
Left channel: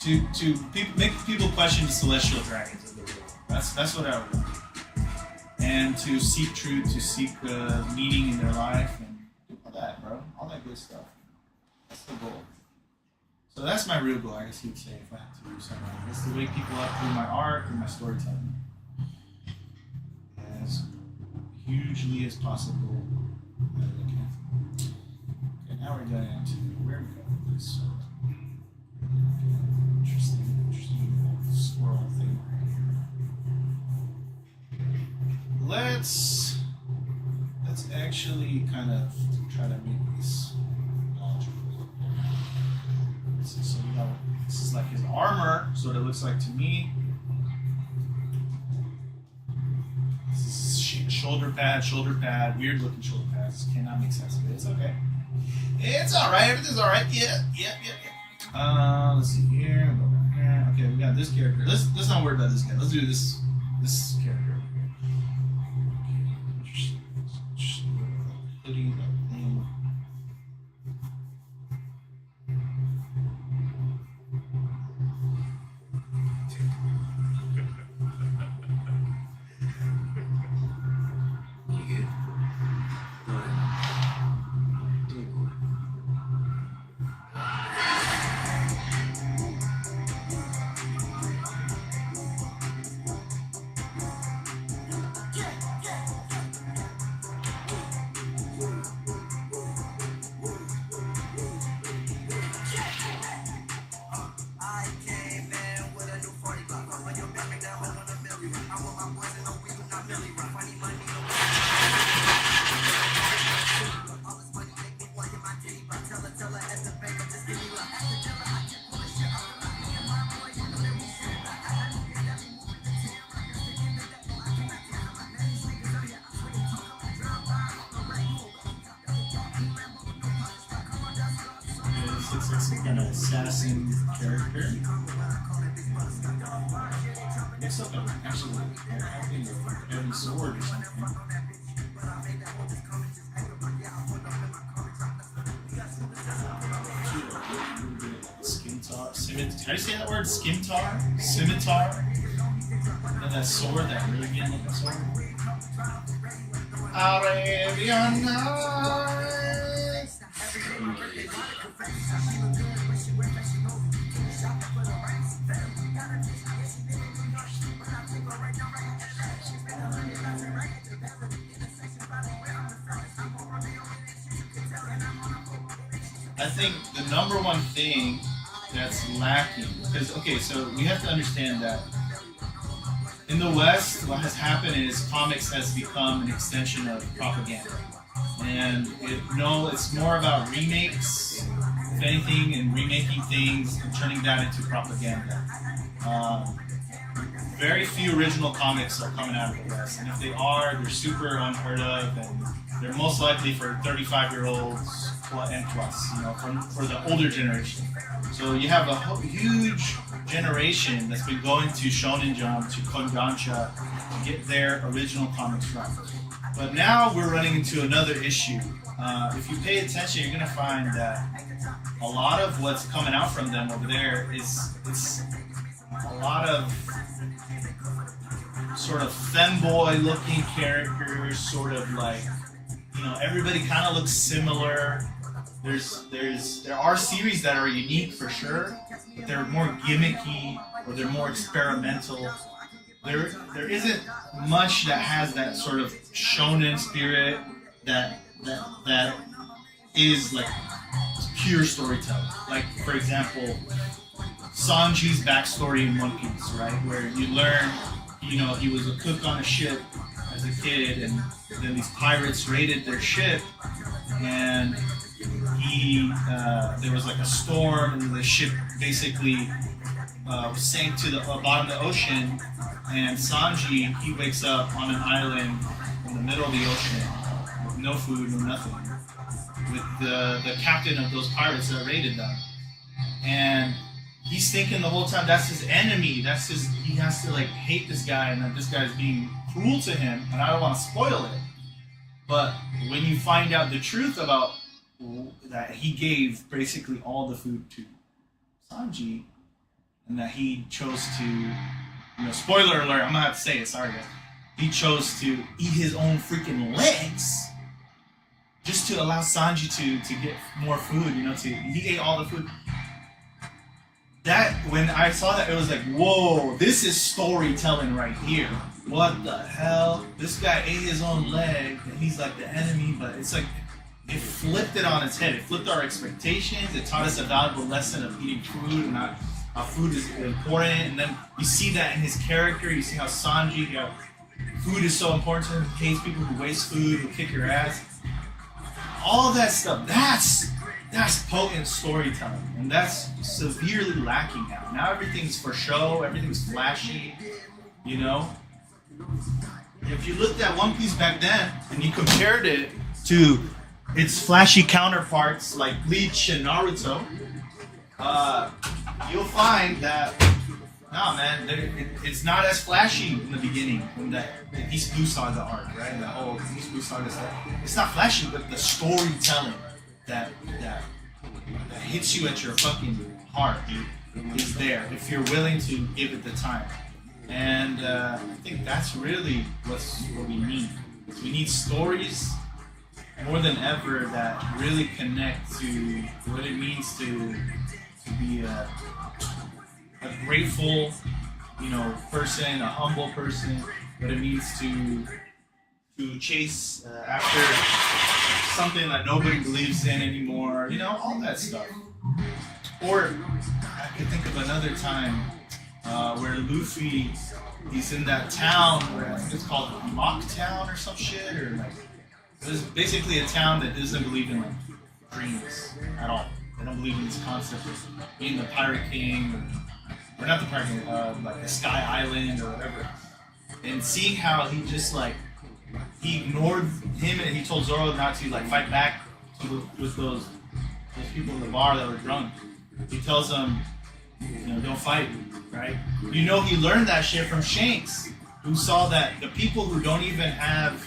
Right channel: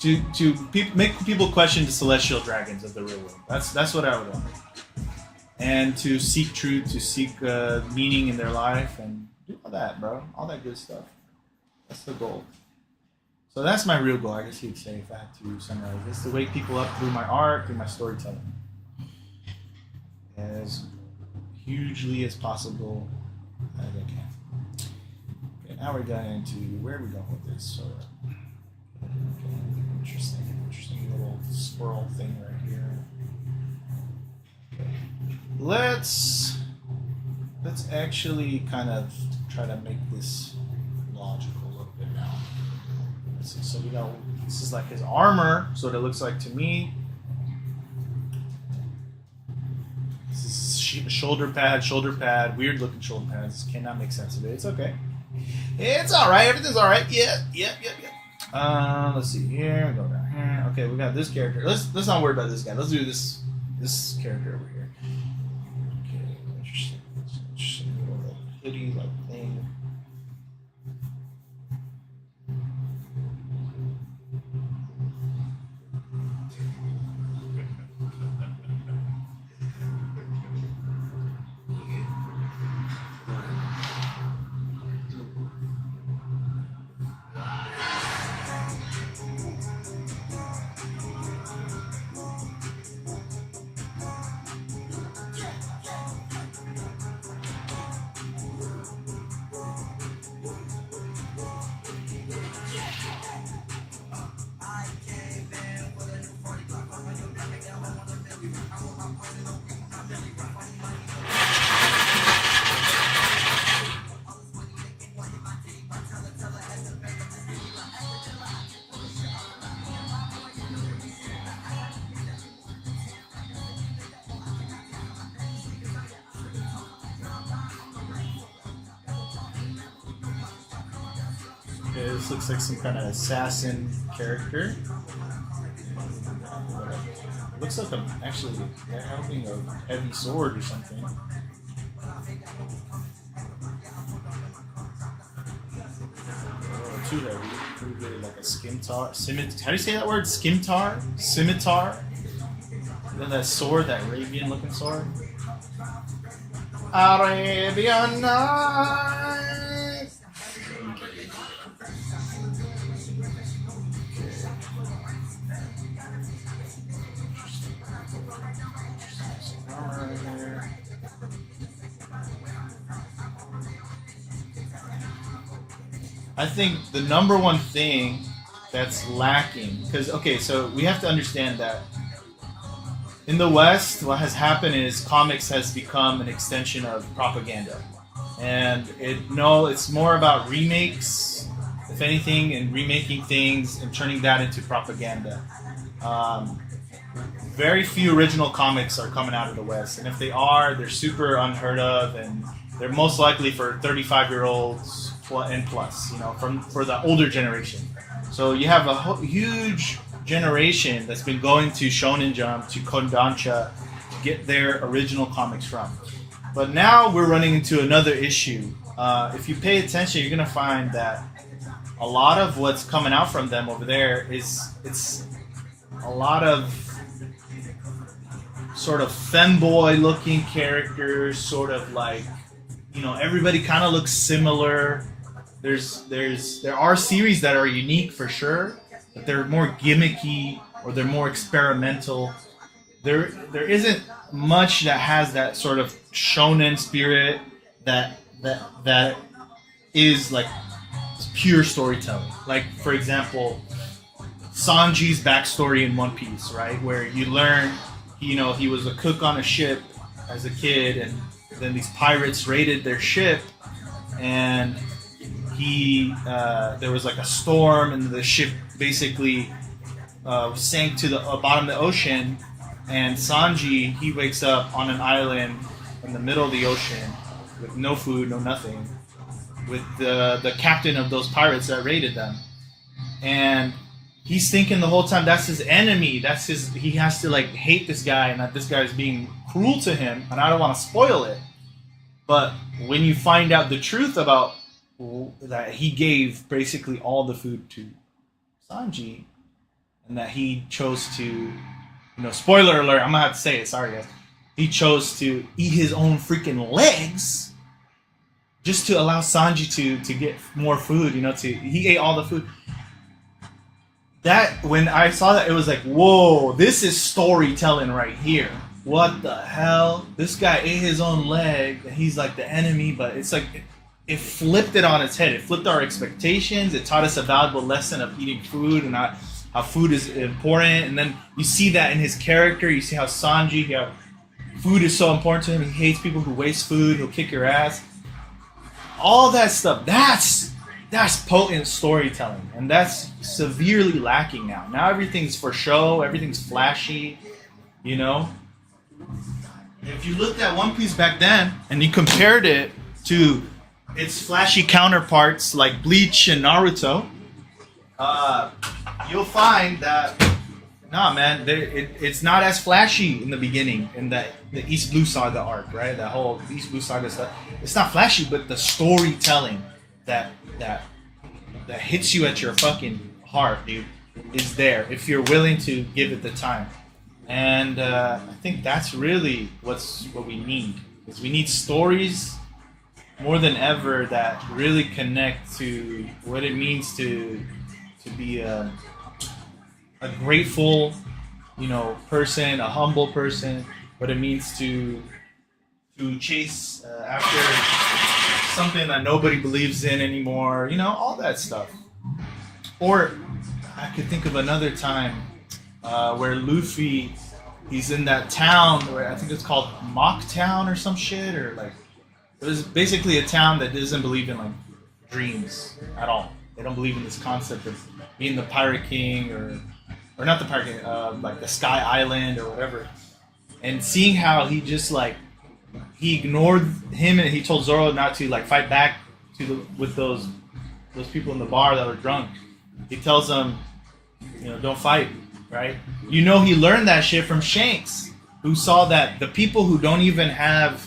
to make people question the celestial dragons of the real world. That's what I would do. And to seek truth, to seek meaning in their life, and do all that, bro. All that good stuff. That's the goal. So that's my real goal, I guess you would say, if I had to summarize. It's to wake people up through my art, through my storytelling. As hugely as possible as I can. Okay, now we're getting into where are we going with this? So, interesting little squirrel thing right here. Let's actually kind of try to make this logical a little bit now. So you know, this is like his armor, so it looks like to me. This is shoulder pad, weird looking shoulder pads. Cannot make sense of it. It's okay. It's alright, everything's alright. Yeah. Let's see here, go down here. Okay, we got this character. Let's not worry about this guy. Let's do this character over here. Okay, interesting little hoodie like thing. This looks like some kind of assassin character. Looks like I'm actually having a heavy sword or something. Like a scimitar. How do you say that word? Scimitar? Scimitar? And then that sword, that Arabian looking sword. Arabian Nights! I think the number one thing that's lacking, because, okay, so we have to understand that in the West, what has happened is comics has become an extension of propaganda. And it's more about remakes, if anything, and remaking things and turning that into propaganda. Very few original comics are coming out of the West, and if they are, they're super unheard of, and they're most likely for 35-year-olds and plus, you know, for the older generation. So you have a huge generation that's been going to Shonen Jump, to Kodansha, to get their original comics from. But now we're running into another issue. If you pay attention, you're gonna find that a lot of what's coming out from them over there it's a lot of sort of femboy-looking characters, sort of like, you know, everybody kind of looks similar. There are series that are unique for sure, but they're more gimmicky or they're more experimental. There isn't much that has that sort of shonen spirit that is like pure storytelling. Like, for example, Sanji's backstory in One Piece, right? Where you learn, you know, he was a cook on a ship as a kid, and then these pirates raided their ship, and there was like a storm, and the ship basically sank to the bottom of the ocean, and Sanji, he wakes up on an island in the middle of the ocean with no food, no nothing, with the captain of those pirates that raided them, and he's thinking the whole time that's his enemy. That's his. He has to like hate this guy, and that this guy is being cruel to him. And I don't want to spoil it, but when you find out the truth about that, he gave basically all the food to Sanji, and that he chose to, spoiler alert. I'm gonna have to say it. Sorry, guys. He chose to eat his own freaking legs just to allow Sanji to get more food. He ate all the food. That, when I saw that, it was like, whoa, this is storytelling right here. What the hell? This guy ate his own leg, and he's like the enemy, but it's like, it flipped it on its head. It flipped our expectations. It taught us a valuable lesson of eating food and how food is important. And then you see that in his character. You see how Sanji, food is so important to him. He hates people who waste food, who'll kick your ass. All that stuff, that's potent storytelling, and that's severely lacking now. Now everything's for show, everything's flashy, If you looked at One Piece back then and you compared it to its flashy counterparts like Bleach and Naruto, you'll find that, nah, man, it's not as flashy in the beginning, in the East Blue Saga arc, right? That whole East Blue Saga stuff. It's not flashy, but the storytelling that hits you at your fucking heart, dude, is there if you're willing to give it the time. And I think that's really what we need. We need stories more than ever that really connect to what it means to be a grateful, person, a humble person, what it means to chase after something that nobody believes in anymore, all that stuff. Or I could think of another time where Luffy, he's in that town where I think it's called Mock Town or some shit, or like, it was basically a town that doesn't believe in like dreams at all. They don't believe in this concept of being the Pirate King or not the Pirate King, like the Sky Island or whatever. And seeing how he just like, he ignored him and he told Zoro not to like fight back with those people in the bar that were drunk. He tells them, don't fight, right? He learned that shit from Shanks, who saw that the people who don't even have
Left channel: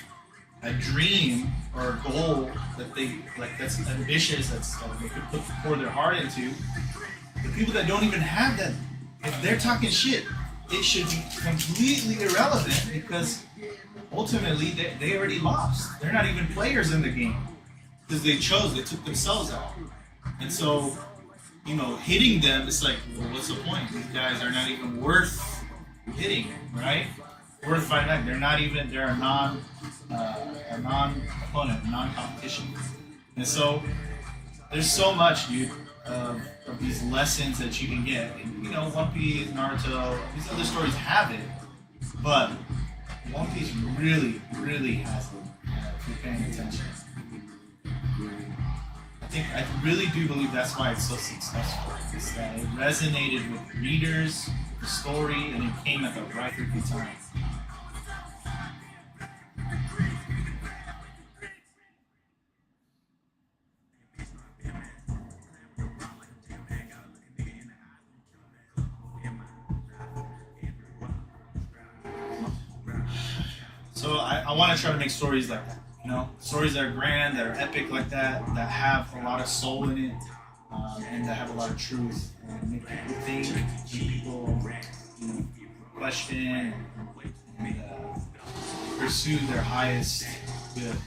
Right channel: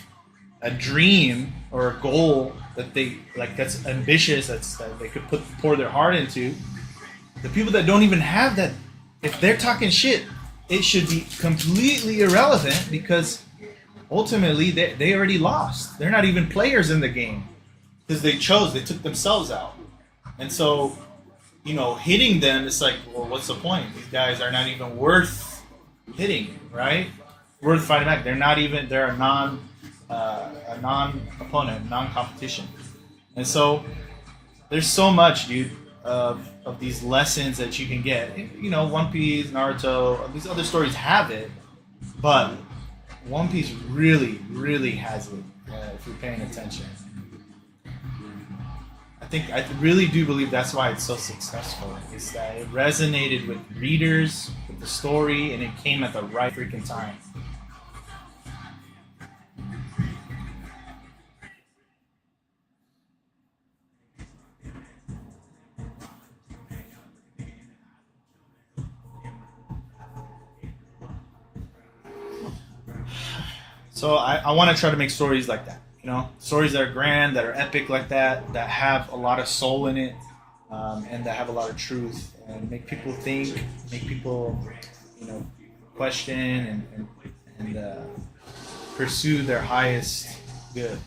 a dream or a goal that they like, that's ambitious, that they could pour their heart into, the people that don't even have that, if they're talking shit, it should be completely irrelevant, because ultimately they already lost. They're not even players in the game because they took themselves out. And so, hitting them, it's like, well, what's the point? These guys are not even worth hitting, right? Worth fighting back. They're a non-opponent, non-competition. And so there's so much, dude, of these lessons that you can get. And, One Piece, Naruto, these other stories have it, but One Piece really, really has it, if you're paying attention. I really do believe that's why it's so successful. Is that it resonated with readers, with the story, and it came at the right freaking time. So I want to try to make stories like that. Stories that are grand, that are epic like that have a lot of soul in it, and that have a lot of truth, and make people think, make people, question and pursue their highest good.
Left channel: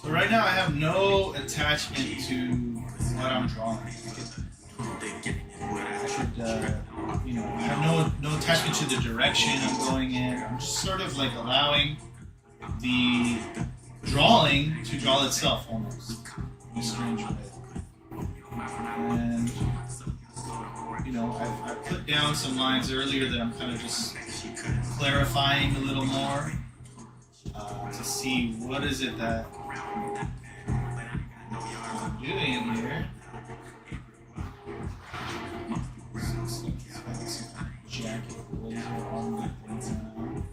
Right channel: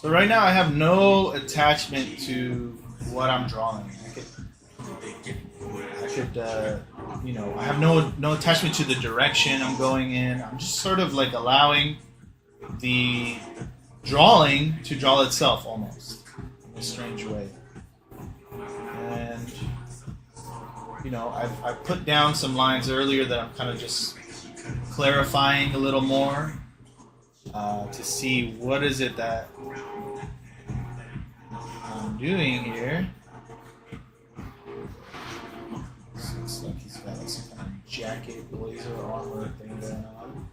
So right now I have no attachment to what I'm drawing. I have no attachment to the direction I'm going in. I'm just sort of like allowing the drawing to draw itself almost in a strange way. And you know, I put down some lines earlier that I'm kind of just clarifying a little more to see what is it that I'm doing here. Looks like he's got some kind of jacket, blazer, armor thing going on.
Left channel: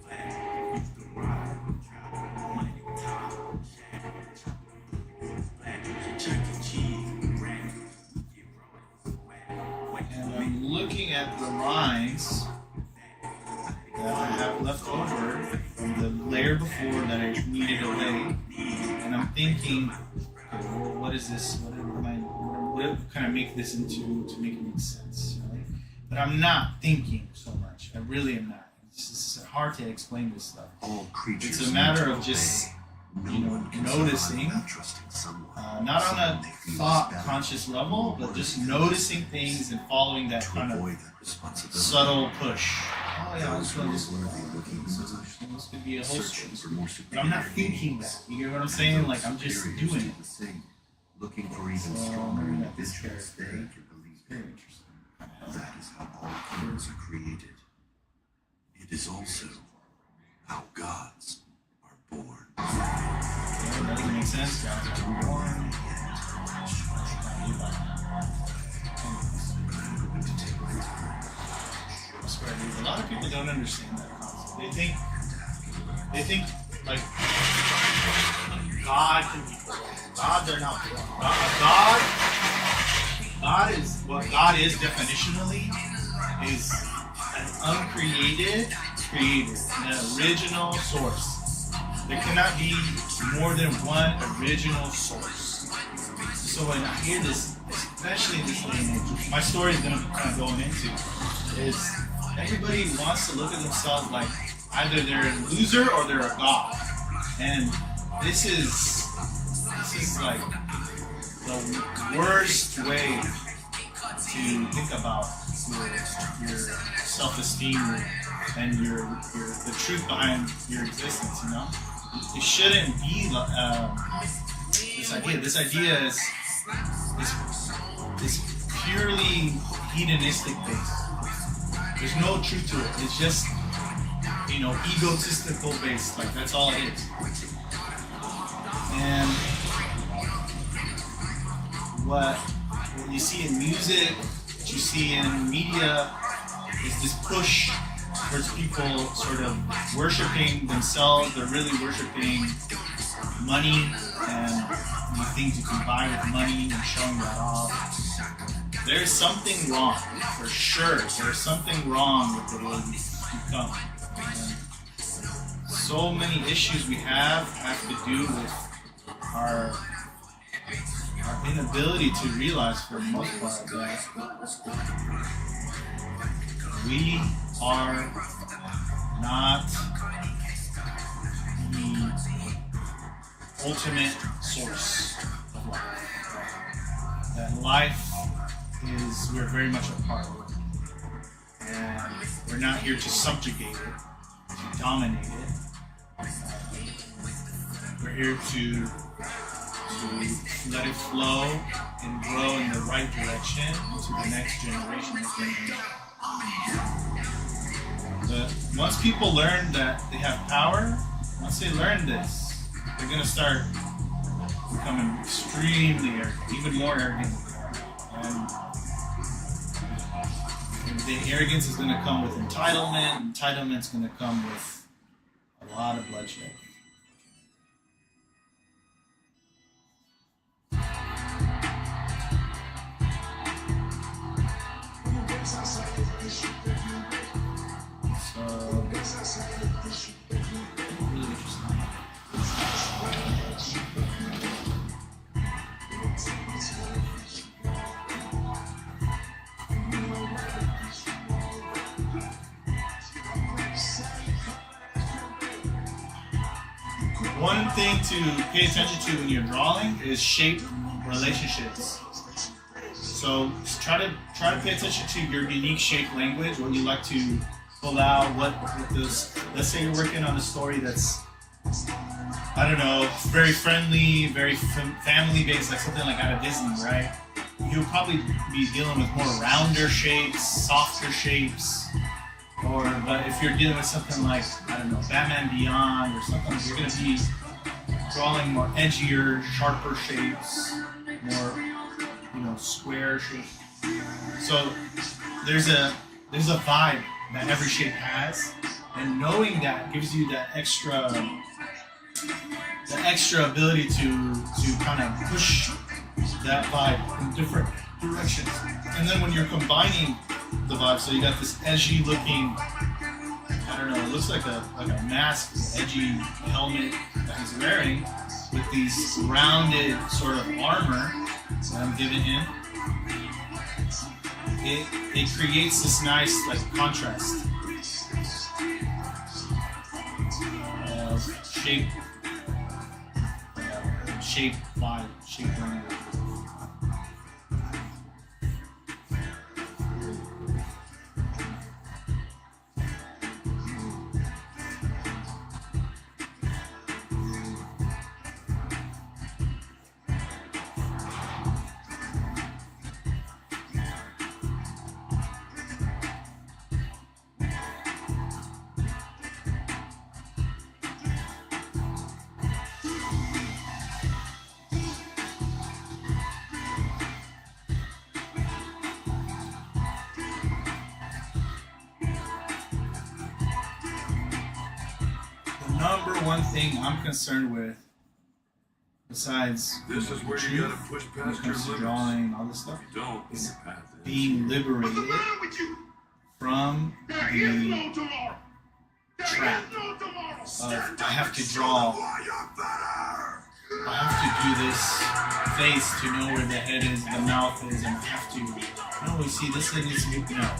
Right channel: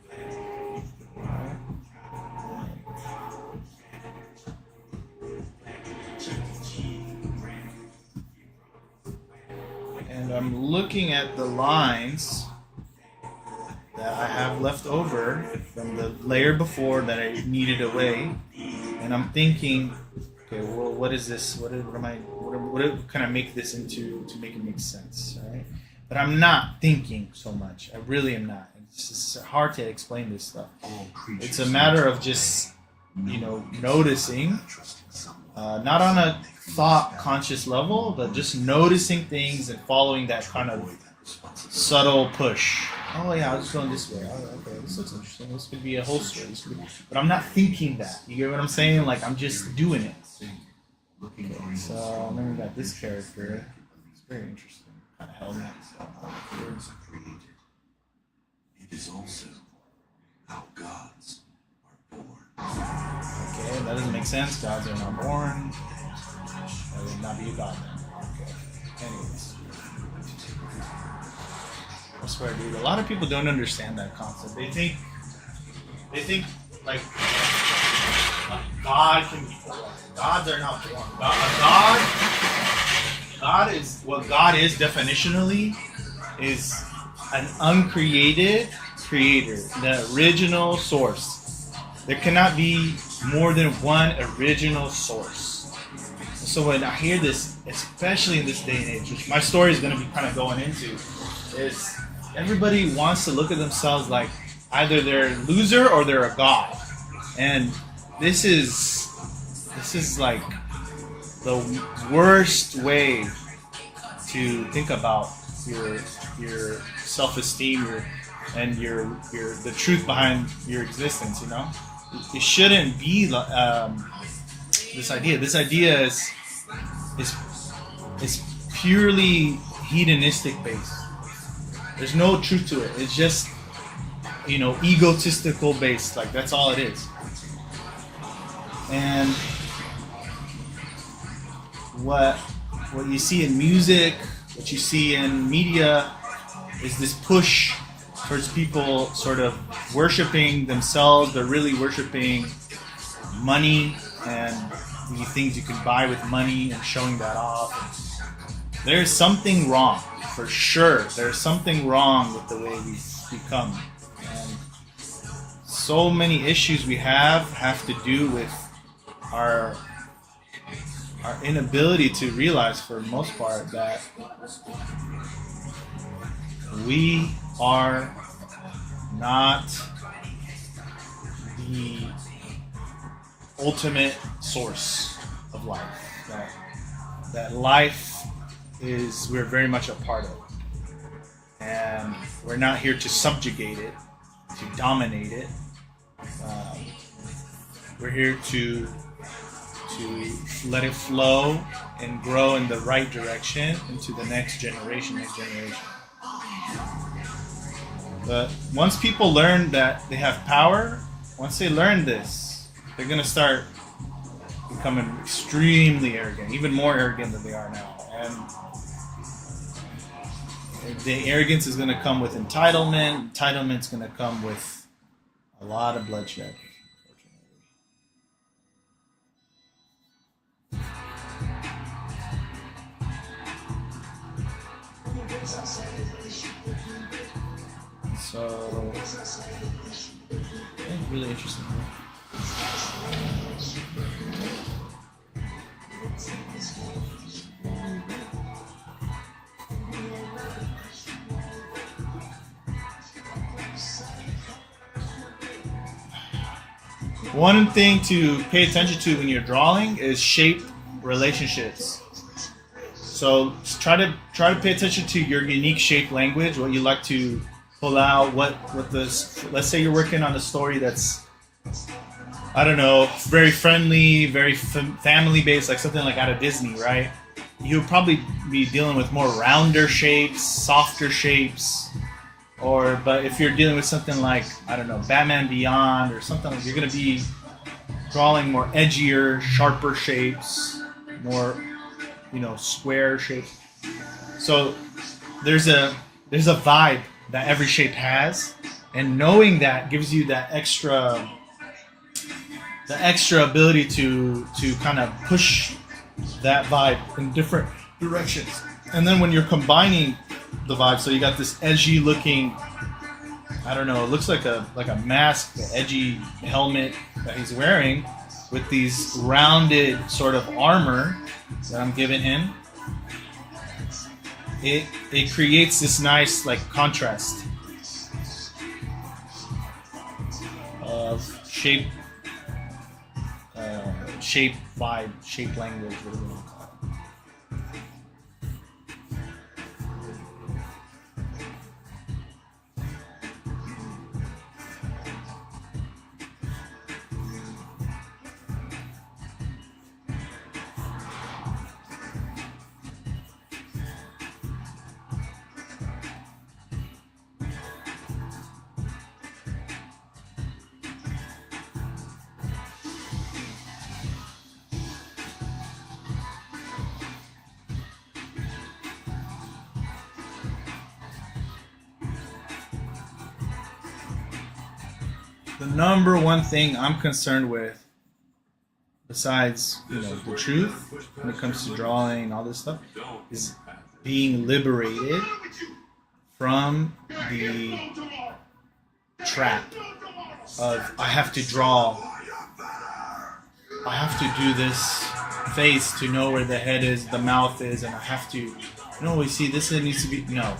And I'm looking at the lines that I have left over from the layer before that I needed away, and I'm thinking, okay, well, what is this? What can I make this into to make it make sense? Right? But I'm not thinking so much. I really am not. It's just hard to explain this stuff. It's a matter of just, you know, noticing, not on a thought conscious level, but just noticing things and following that kind of subtle push. Oh yeah, I was going this way. Oh, okay, this is interesting. This could be a whole story. But I'm not thinking that. You get what I'm saying? Like, I'm just doing it. So remember that this character is very interesting. That is how all things are created. It is also how gods are born. Okay, that doesn't make sense. Gods are not born. That would not be about. Anyways. I swear, dude, a lot of people don't understand that concept. They think like God can be born. Gods are not born. God is what God is definitionally is an uncreated creator, the original source. There cannot be more than one original source. So when I hear this, especially in this day and age, which my story is going to be kind of going into, is everybody wants to look at themselves like either they're a loser or they're a god. And this is like the worst way to think about your self-esteem and your the truth behind your existence. You know, it shouldn't be this idea. This idea is purely hedonistic based. There's no truth to it. It's just, you know, egotistical based. Like, that's all it is. And what you see in music, what you see in media, is this push towards people sort of worshiping themselves. They're really worshiping money and the things you can buy with money and showing that off. There's something wrong, for sure. There's something wrong with the way we become. And so many issues we have to do with our inability to realize, for the most part, that we are not the ultimate source of life. That life is, we're very much a part of it. And we're not here to subjugate it, to dominate it. We're here to let it flow and grow in the right direction into the next generation. But once people learn that they have power, once they learn this, they're going to start becoming extremely arrogant, even more arrogant than they are now. And the arrogance is going to come with entitlement. Entitlement's going to come with a lot of bloodshed. So, really interesting. One thing to pay attention to when you're drawing is shape relationships. So try to pay attention to your unique shape language, what you like to pull out, what this. Let's say you're working on a story that's I don't know, very friendly, very family-based, like something like out of Disney, right? You'll probably be dealing with more rounder shapes, softer shapes, but if you're dealing with something like, I don't know, Batman Beyond or something, like you're going to be drawing more edgier, sharper shapes, more, square shapes. So there's a vibe that every shape has, and knowing that gives you that extra ability to kind of push that vibe in different directions. And then when you're combining the vibe, so you got this edgy looking, I don't know, it looks like a mask, an edgy helmet that he's wearing with these rounded sort of armor that I'm giving him. It creates this nice like contrast of shape vibe, shape language. The number one thing I'm concerned with, besides the truth, when it comes to drawing and all this stuff, is being liberated from the trap of I have to draw, I have to do this face to know where the head is, the mouth is, and I have to, we see this needs to be, no,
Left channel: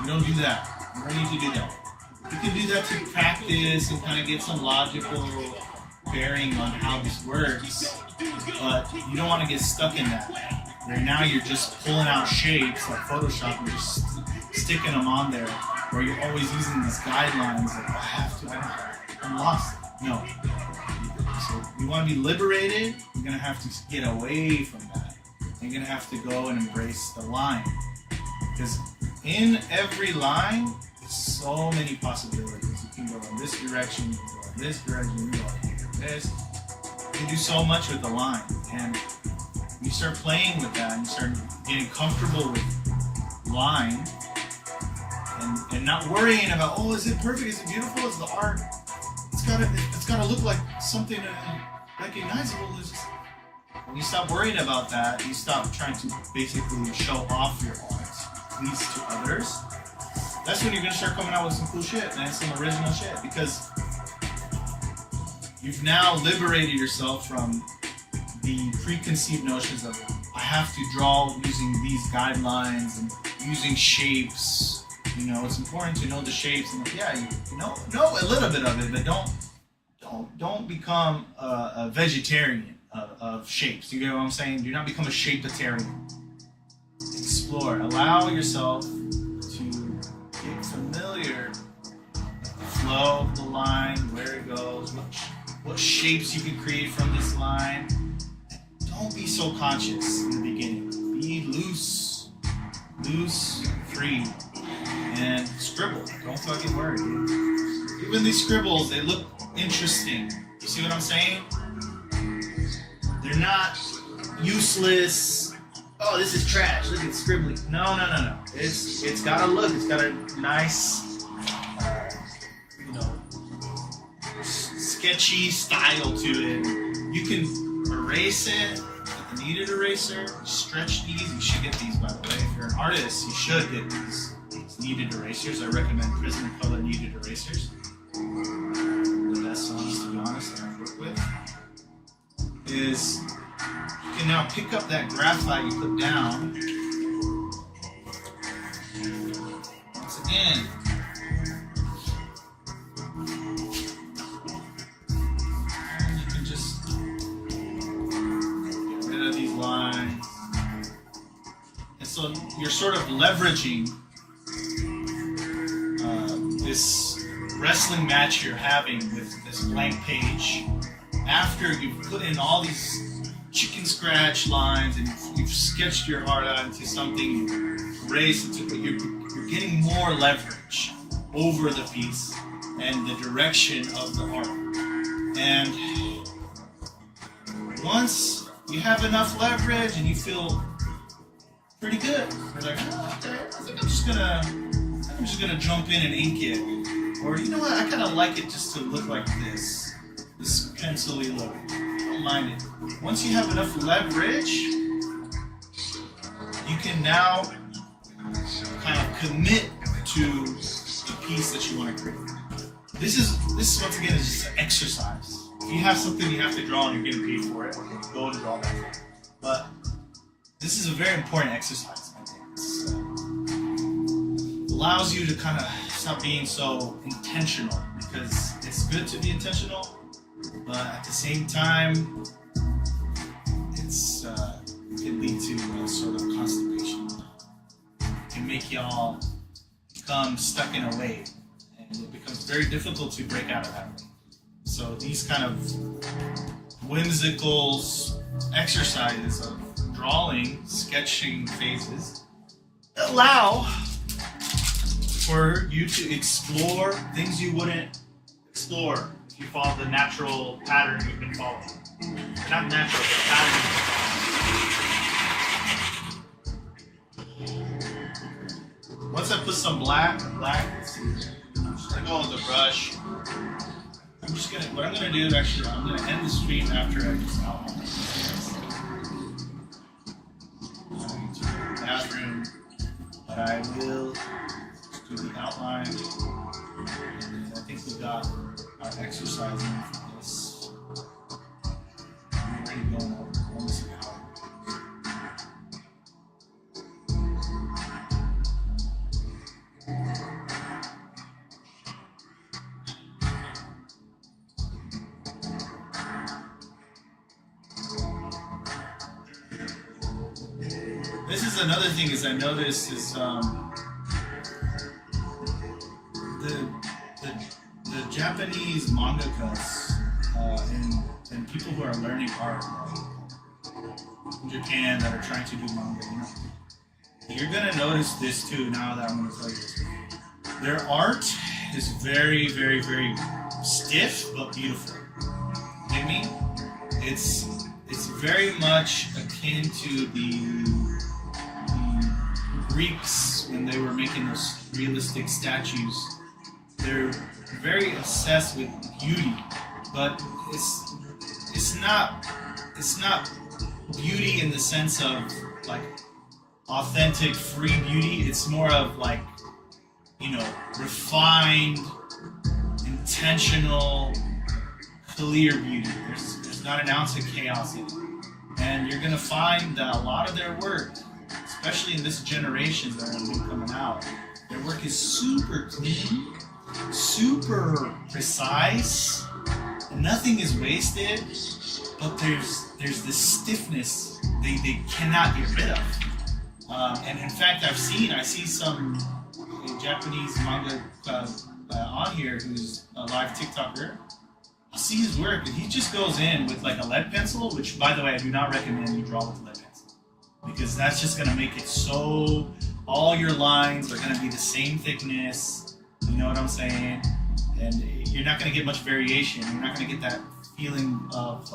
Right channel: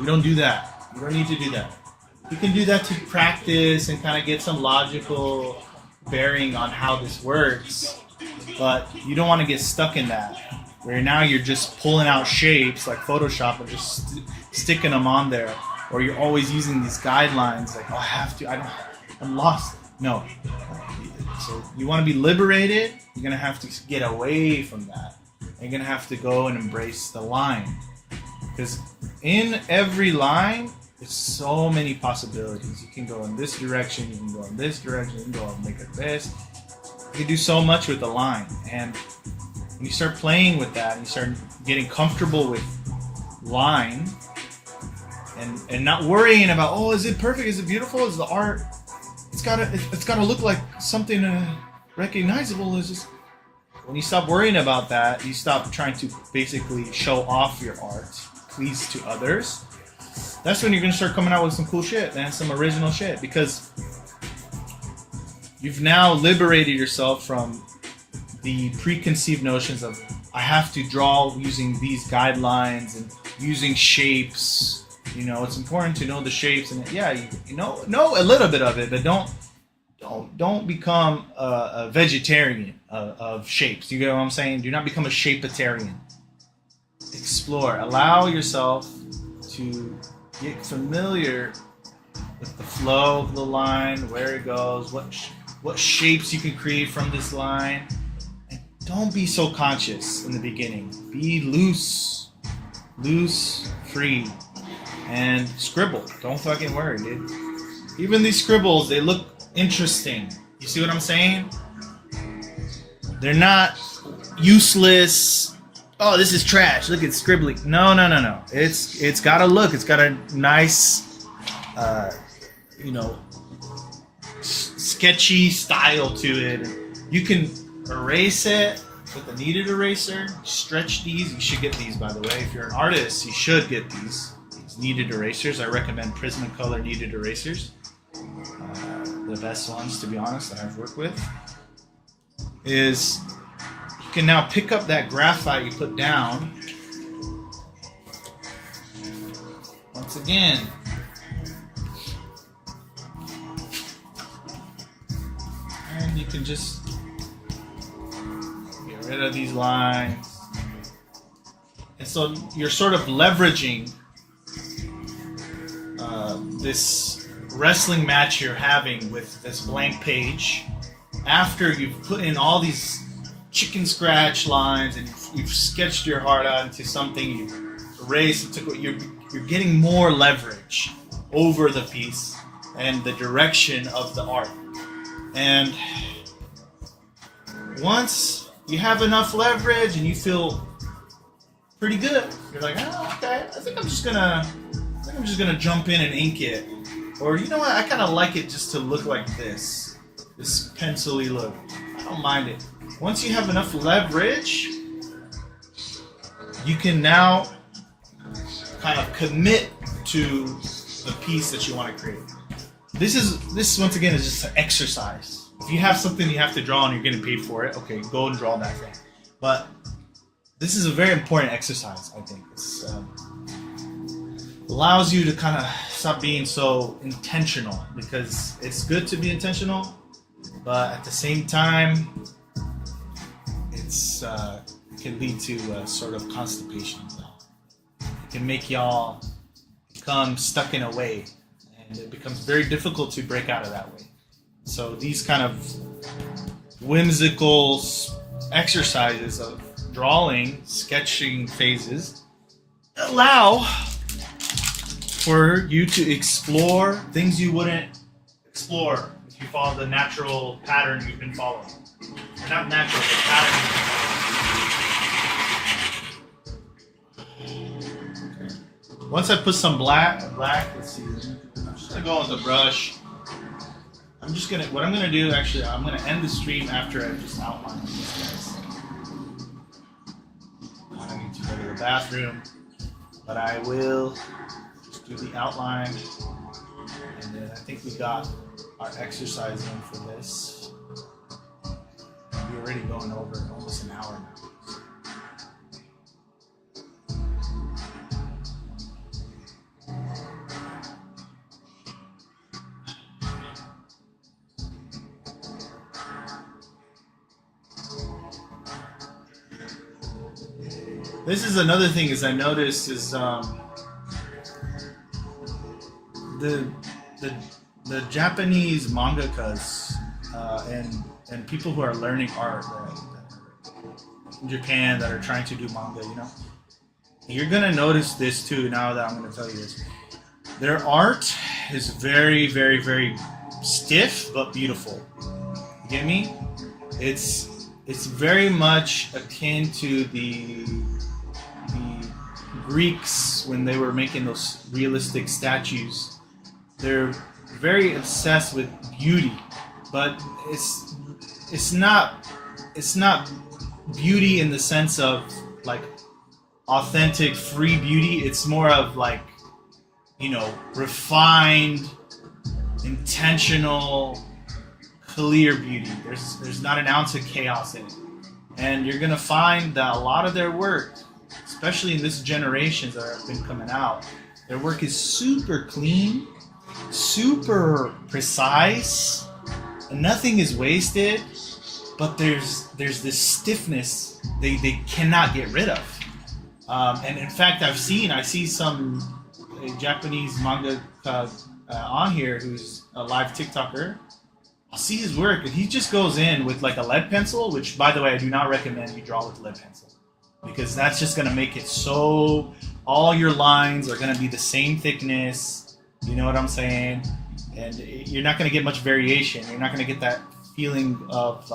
we don't do that. We don't need to do that. You can do that to practice and kind of get some logical bearing on how this works, but you don't want to get stuck in that, where now you're just pulling out shapes like Photoshop and just sticking them on there, or you're always using these guidelines like, oh, I have to, I'm lost. No. So you want to be liberated, you're going to have to get away from that. You're going to have to go and embrace the line. Because in every line, there's so many possibilities. You can go in this direction, you can go in this direction, you can go and make it this. You can do so much with the line. And when you start playing with that, and you start getting comfortable with line, and not worrying about, oh, is it perfect? Is it beautiful? Is the art? It's gotta look like something recognizable. Is just when you stop worrying about that, you stop trying to basically show off your art, please to others. That's when you're gonna start coming out with some cool shit, man, some original shit, because you've now liberated yourself from the preconceived notions of I have to draw using these guidelines and using shapes. It's important to know the shapes, and know a little bit of it, but don't become a vegetarian of shapes. You get what I'm saying? Do not become a shapeitarian. Explore. Allow yourself to get familiar with the flow of the line, where it goes, what shapes you can create from this line. And don't be so conscious in the beginning. Be loose, free. And scribble. Don't fucking worry, dude. Even these scribbles, they look interesting. You see what I'm saying? They're not useless. Oh, this is trash. Look at scribbling. No. It's got a look. It's got a nice, sketchy style to it. You can erase it with a kneaded eraser. Stretch these. You should get these, by the way. If you're an artist, you should get these. Kneaded erasers. I recommend Prismacolor kneaded erasers. The best ones, to be honest, that I've worked with. Is you can now pick up that graphite you put down. Once again. And you can just get rid of these lines. And so you're sort of leveraging this wrestling match you're having with this blank page after you've put in all these chicken scratch lines and you've sketched your heart out into something, you've erased, you're getting more leverage over the piece and the direction of the art. And once you have enough leverage and you feel pretty good, you're like, oh, okay, I think I'm just gonna jump in and ink it. Or you know what, I kinda like it just to look like this pencil-y look. I don't mind it. Once you have enough leverage, you can now kind of commit to the piece that you want to create. This once again is just an exercise. If you have something you have to draw and you're getting paid for it, okay, go and draw that thing. But this is a very important exercise, I think. It allows you to kind of stop being so intentional, because it's good to be intentional, but at the same time, it can lead to sort of constipation. It can make y'all become stuck in a way, and it becomes very difficult to break out of that way. So these kind of whimsical exercises of drawing, sketching phases allow for you to explore things you wouldn't explore if you follow the natural pattern you've been following. Not natural, but pattern you've been following. Once I put some black, let's see, I'm just gonna go with the brush. What I'm gonna do, actually, I'm gonna end the stream after I just outline. I need to go to the bathroom, but I will do the outline, and then I think we got our exercise in for this. We're already going over almost an hour. This is another thing is I noticed is the Japanese mangakas and people who are learning art, right, in Japan that are trying to do manga, you know, you're gonna notice this too. Now that I'm gonna tell you this, their art is very, very, very stiff but beautiful. Get me? It's very much akin to the Greeks when they were making those realistic statues. They're very obsessed with beauty, but it's not beauty in the sense of like authentic free beauty. It's more of like, you know, refined, intentional, clear beauty. There's not an ounce of chaos in it. And you're gonna find that a lot of their work, especially in this generation that have been coming out, their work is super clean, super precise, and nothing is wasted, but there's this stiffness they cannot get rid of. And in fact, I see some Japanese manga on here who's a live TikToker. I'll see his work, and he just goes in with like a lead pencil, which, by the way, I do not recommend you draw with lead pencil, because that's just going to make it so all your lines are going to be the same thickness. You know what I'm saying? And you're not going to get much variation. You're not going to get that feeling of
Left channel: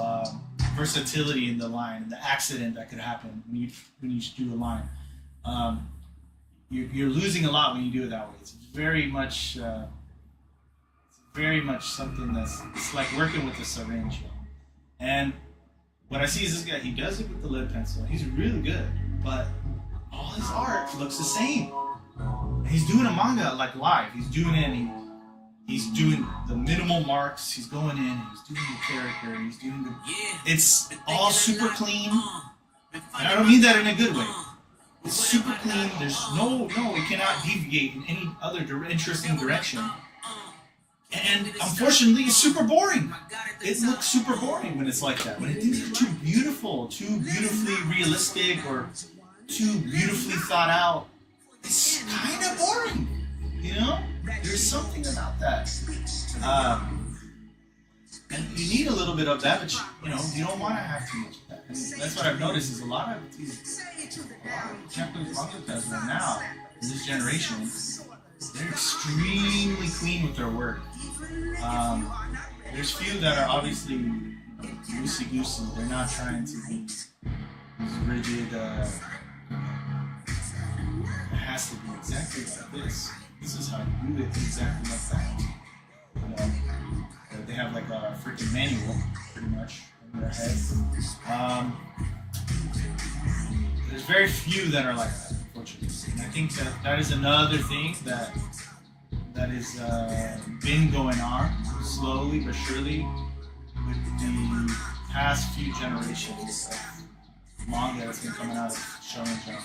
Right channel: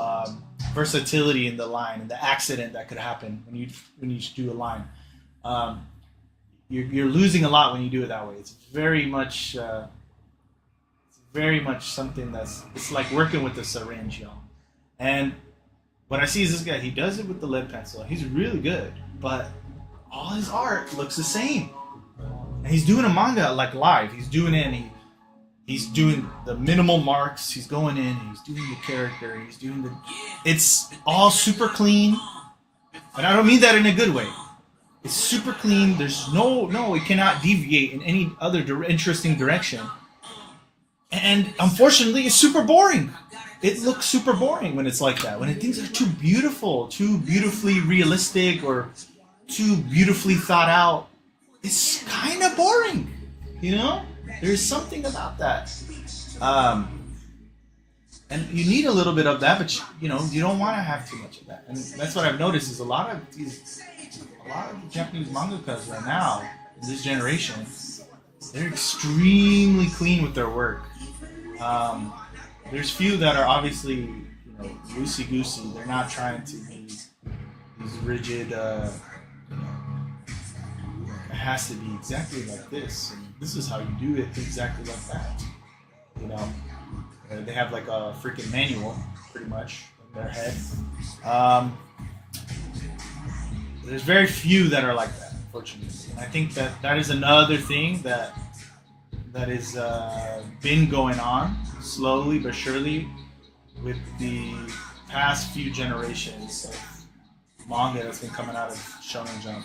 versatility in the line, the accident that could happen when you do a line. You're losing a lot when you do it that way. It's very much something it's like working with a syringe, y'all. And what I see is this guy, he does it with the lead pencil. He's really good, but all his art looks the same. And he's doing a manga like live. He's doing it, and he's doing the minimal marks. He's going in, he's doing the character, he's doing it's all super clean. And I don't mean that in a good way. It's super clean. There's no, it cannot deviate in any other interesting direction. And unfortunately, it's super boring. It looks super boring when it's like that. When things are too beautiful, too beautifully realistic, or too beautifully thought out, it's kind of boring. You know? There's something about that. And And you need a little bit of that, but you know, you don't want to have too much of that. And that's what I've noticed is a lot of the Japanese mangakas right now, in this generation, they're extremely clean with their work. There's few that are obviously, you know, loosey-goosey. They're not trying to be these rigid, it has to be exactly like this. This is how you do it, exactly like that. You know, they have like a freaking manual, pretty much, in their head. There's very few that are like that, unfortunately. And I think that that is another thing that is been going on slowly but surely with the past few generations of manga that's been coming out of Shonen Jump.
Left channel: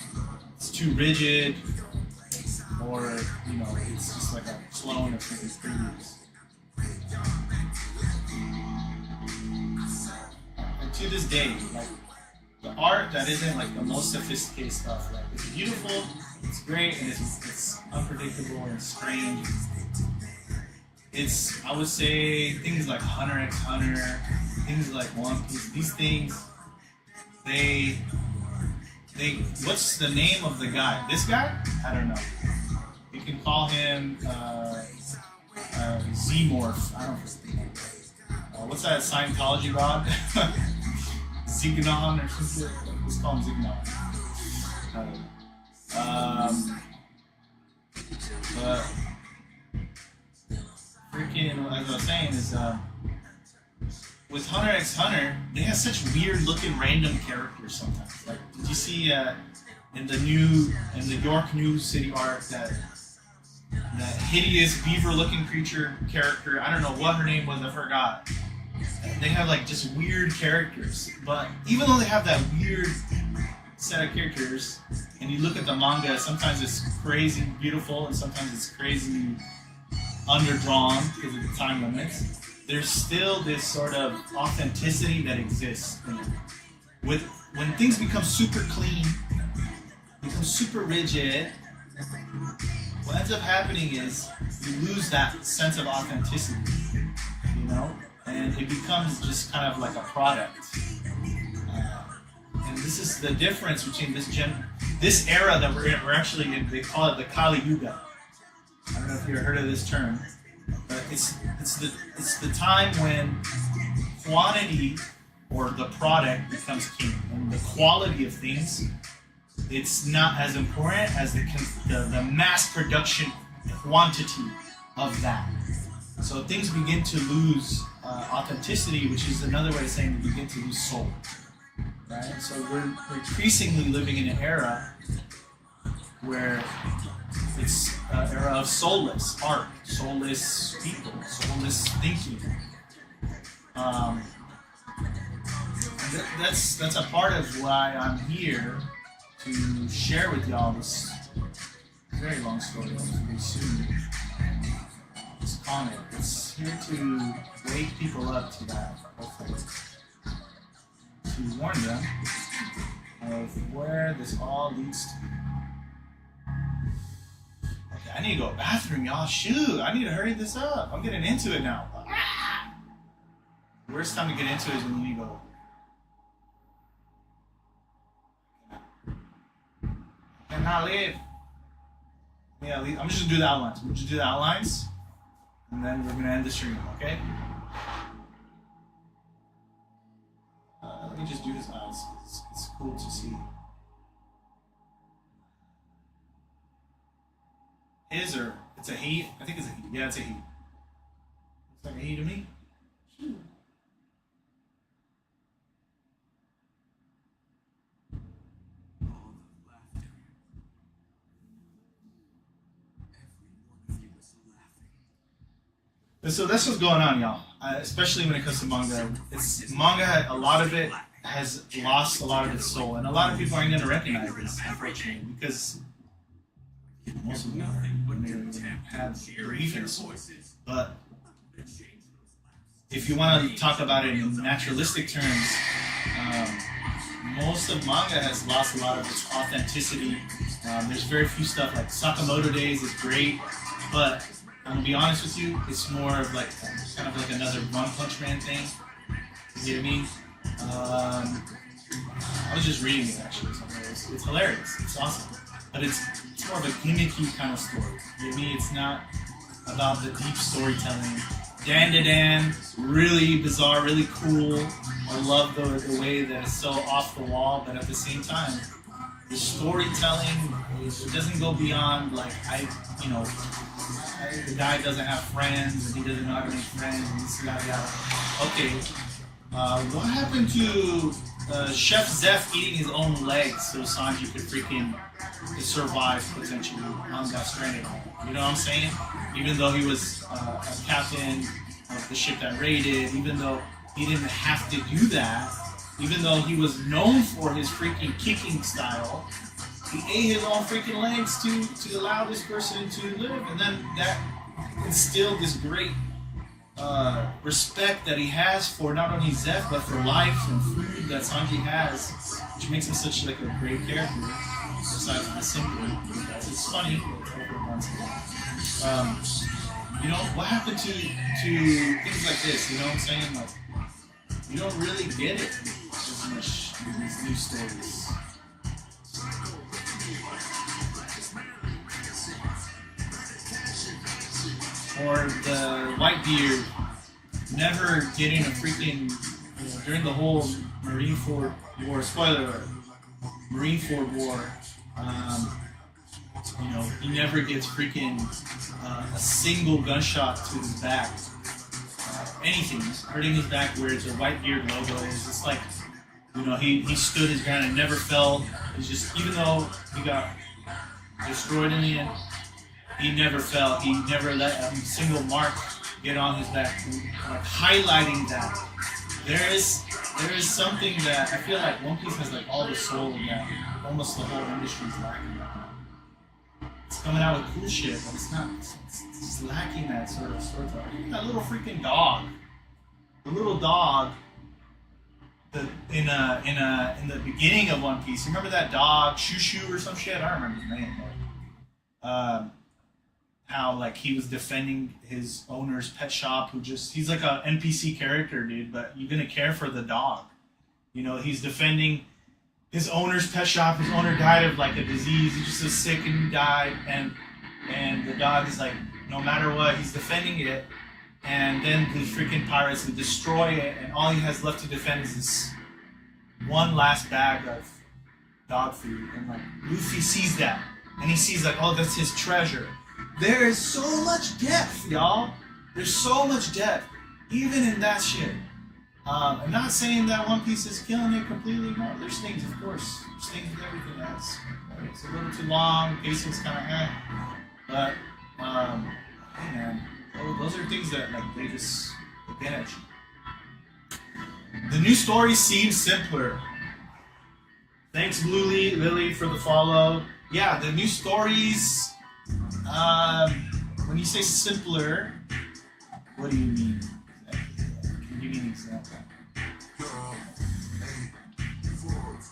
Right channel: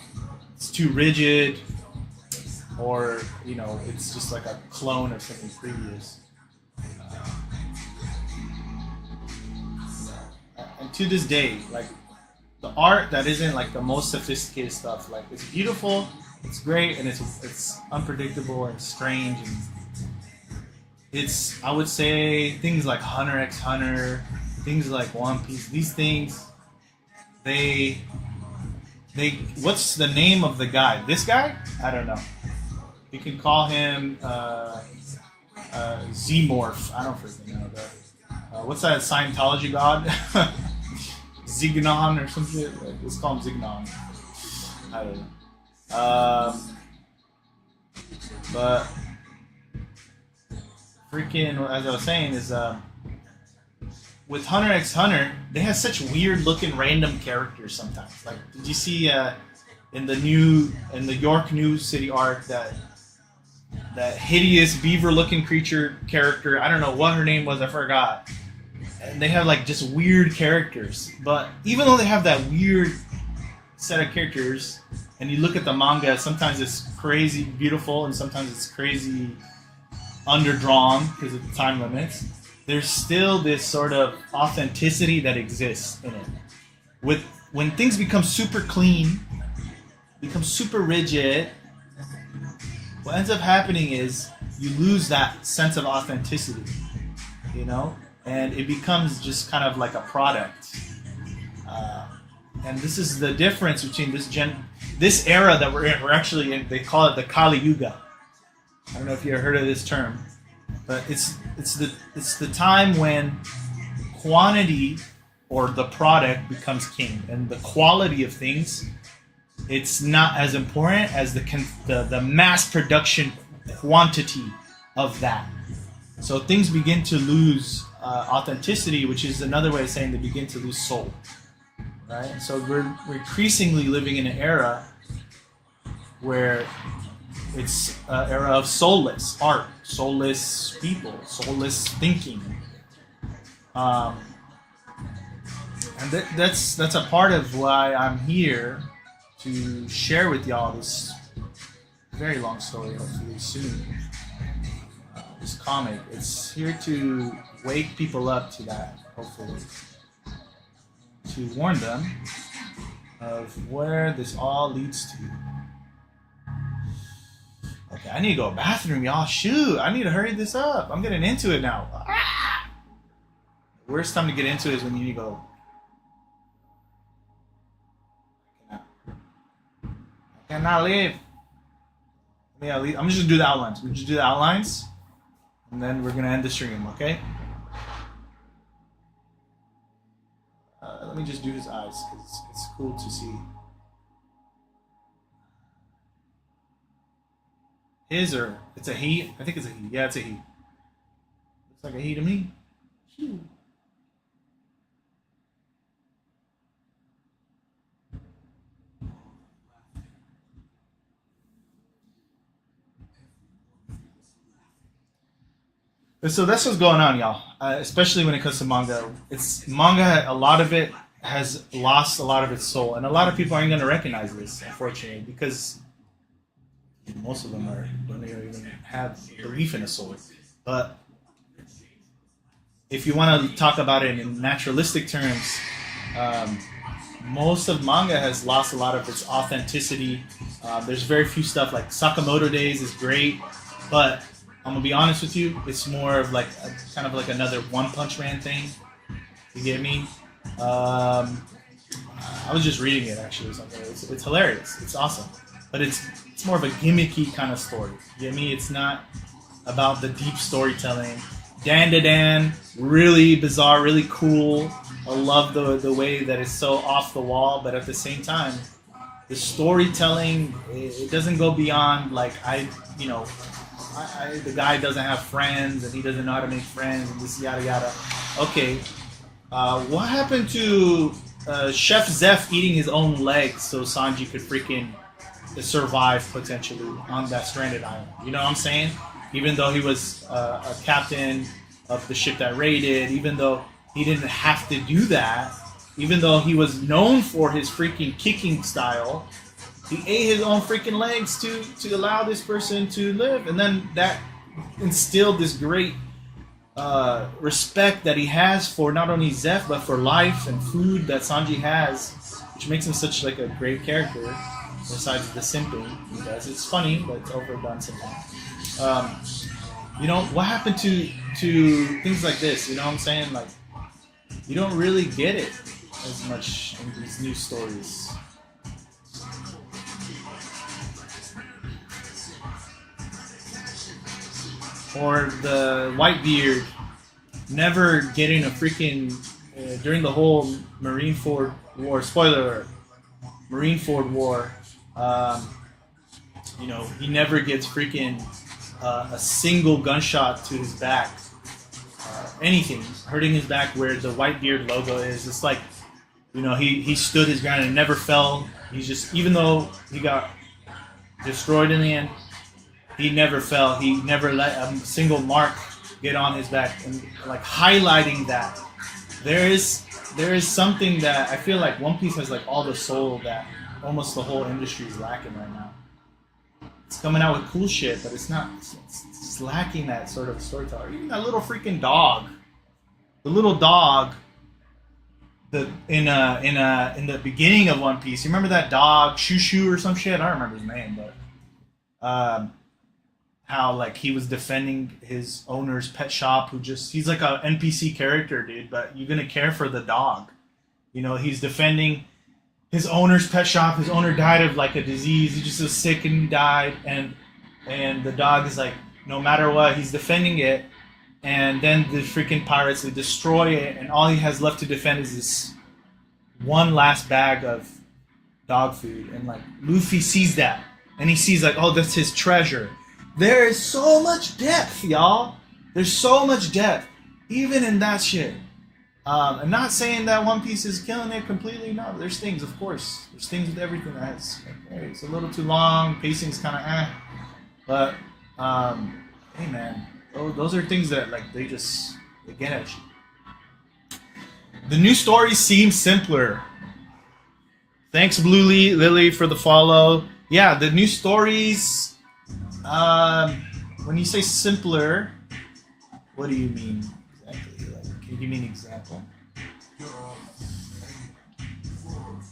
It's too rigid, or you know, it's just like a clone of something previous. And to this day, like the art that isn't like the most sophisticated stuff, like it's beautiful, it's great, and it's unpredictable and strange. It's, I would say, things like Hunter x Hunter, things like One Piece. These things, they. What's the name of the guy? This guy? I don't know. You can call him Z-Morph. I don't freaking know. What's that Scientology god? Zignon or something? Let's call him Zignon. I don't know. But freaking, as I was saying, is with Hunter x Hunter, they have such weird looking random characters sometimes. Like, did you see in the York New City arc that hideous beaver looking creature character? I don't know what her name was, I forgot. And they have like just weird characters. But even though they have that weird set of characters, and you look at the manga, sometimes it's crazy beautiful and sometimes it's crazy underdrawn because of the time limits. There's still this sort of authenticity that exists in it. When things become super clean, become super rigid, what ends up happening is you lose that sense of authenticity, you know, and it becomes just kind of like a product. And this is the difference between this era that we're in. We're actually in. They call it the Kali Yuga. I don't know if you ever heard of this term, but it's the time when quantity or the product becomes king, and the quality of things, it's not as important as the mass production quantity of that. So things begin to lose authenticity, which is another way of saying they begin to lose soul. Right? So we're increasingly living in an era where it's an era of soulless art, soulless people, soulless thinking. And that's a part of why I'm here to share with y'all this very long story, hopefully soon. This comic, it's here to wake people up to that, hopefully. To warn them of where this all leads to. Okay, I need to go to the bathroom, y'all. Shoot, I need to hurry this up. I'm getting into it now. The worst time to get into it is when you need to go. I cannot leave. Yeah, I'm just gonna do the outlines. We'll just do the outlines, and then we're gonna end the stream, okay? Let me just do his eyes, because it's cool to see. His, or it's a he? I think it's a he. Yeah, it's a he. Looks like a he to me. So that's what's going on, y'all. Especially when it comes to manga. It's manga. A lot of it has lost a lot of its soul, and a lot of people aren't going to recognize this, unfortunately, because most of them are don't even have belief in a soul. But if you want to talk about it in naturalistic terms, most of manga has lost a lot of its authenticity. There's very few stuff like Sakamoto Days is great, but I'm gonna be honest with you. It's more of like kind of like another One Punch Man thing. You get me? I was just reading it actually. Or something. It's hilarious. It's awesome, but it's more of a gimmicky kind of story. You get me? It's not about the deep storytelling. Dan to Dan, really bizarre, really cool. I love the way that it's so off the wall, but at the same time, the storytelling, it doesn't go beyond like the guy doesn't have friends and he doesn't know how to make friends and this yada yada. Okay, what happened to Chef Zeph eating his own legs so Sanji could freaking survive potentially on that stranded island? You know what I'm saying? Even though he was a captain of the ship that raided, even though he didn't have to do that, even though he was known for his freaking kicking style, he ate his own freaking legs to allow this person to live. And then that instilled this great respect that he has for not only Zeph, but for life and food that Sanji has, which makes him such like a great character, besides the simping. It's funny, but it's overdone sometimes. What happened to things like this? You know what I'm saying? Like, you don't really get it as much in these new stories. Or the Whitebeard never getting a freaking during the whole Marineford War. Spoiler alert: Marineford War. He never gets freaking a single gunshot to his back. Anything hurting his back where the Whitebeard logo is. It's like, he stood his ground and never fell. He's just, even though he got destroyed in the end, he never fell. He never let a single mark get on his back. And like highlighting that, there is something that I feel like One Piece has like all the soul that almost the whole industry is lacking right now. It's coming out with cool shit, but it's not. It's lacking that sort of storytelling. That little freaking dog, the little dog. In the beginning of One Piece, you remember that dog, Shushu or some shit? I don't remember his name, but how like he was defending his owner's pet shop, he's like a NPC character, dude, but you're gonna care for the dog. He's defending his owner's pet shop. His owner died of like a disease. He just was sick and he died, and the dog is like, no matter what, he's defending it. And then the freaking pirates, they destroy it, and all he has left to defend is this one last bag of dog food. And like Luffy sees that, and he sees like, oh, that's his treasure. There is so much depth, y'all. There's so much depth, even in that shit. I'm not saying that One Piece is killing it completely. No, there's things, of course. There's things with everything that's it's a little too long. Pacing's kind of but hey man. Those are things that like they get at you. The new stories seem simpler. Thanks, Blue Lily, for the follow. Yeah, the new stories. When you say simpler, what do you mean exactly? Can you mean example?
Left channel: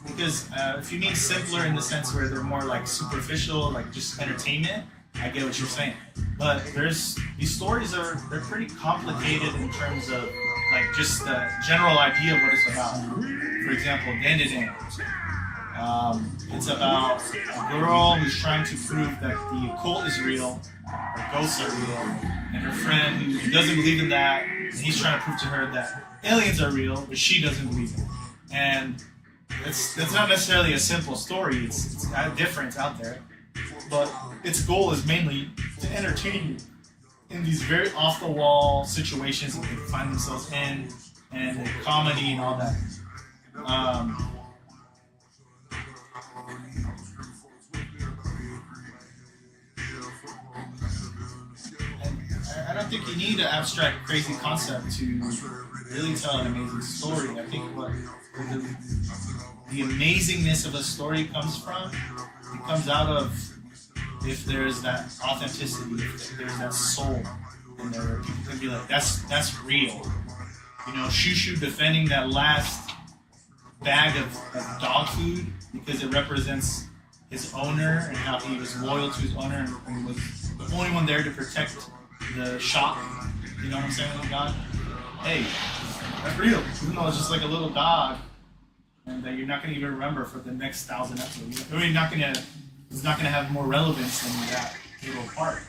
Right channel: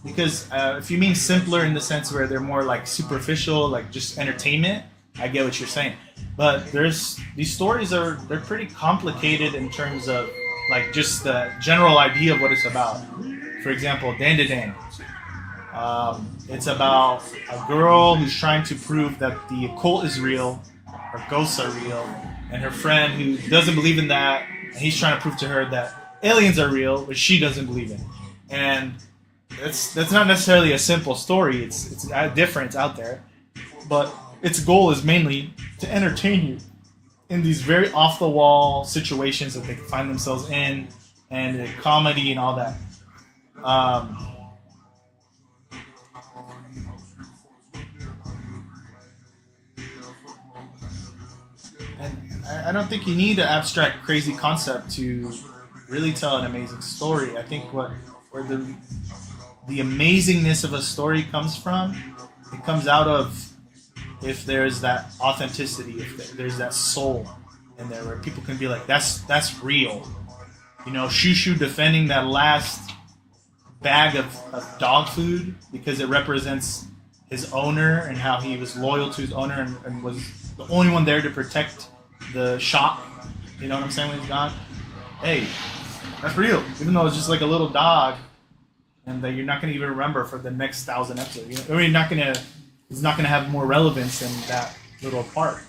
Because if you mean simpler in the sense where they're more like superficial, like just entertainment, I get what you're saying. But these stories they're pretty complicated in terms of like just the general idea of what it's about. For example, Dan to Dan. It's about a girl who's trying to prove that the occult is real, or ghosts are real, and her friend who doesn't believe in that, and he's trying to prove to her that aliens are real, but she doesn't believe in it. And that's not necessarily a simple story. It's different out there, but its goal is mainly to entertain you in these very off-the-wall situations that they find themselves in, and the comedy and all that. And I don't think you need an abstract, crazy concept to really tell an amazing story. I think where the amazingness of a story comes from, it comes out of if there's that authenticity, if there's that soul in there where people can be like, that's real. Shushu defending that last bag of dog food because it represents his owner and how he was loyal to his owner and was the only one there to protect the shop. You know what I'm saying, John? Hey, that's real. Even though it's just like a little dog, and that you're not gonna even remember for the next 1,000 episodes. You're not gonna. It's not gonna have more relevance than that little part.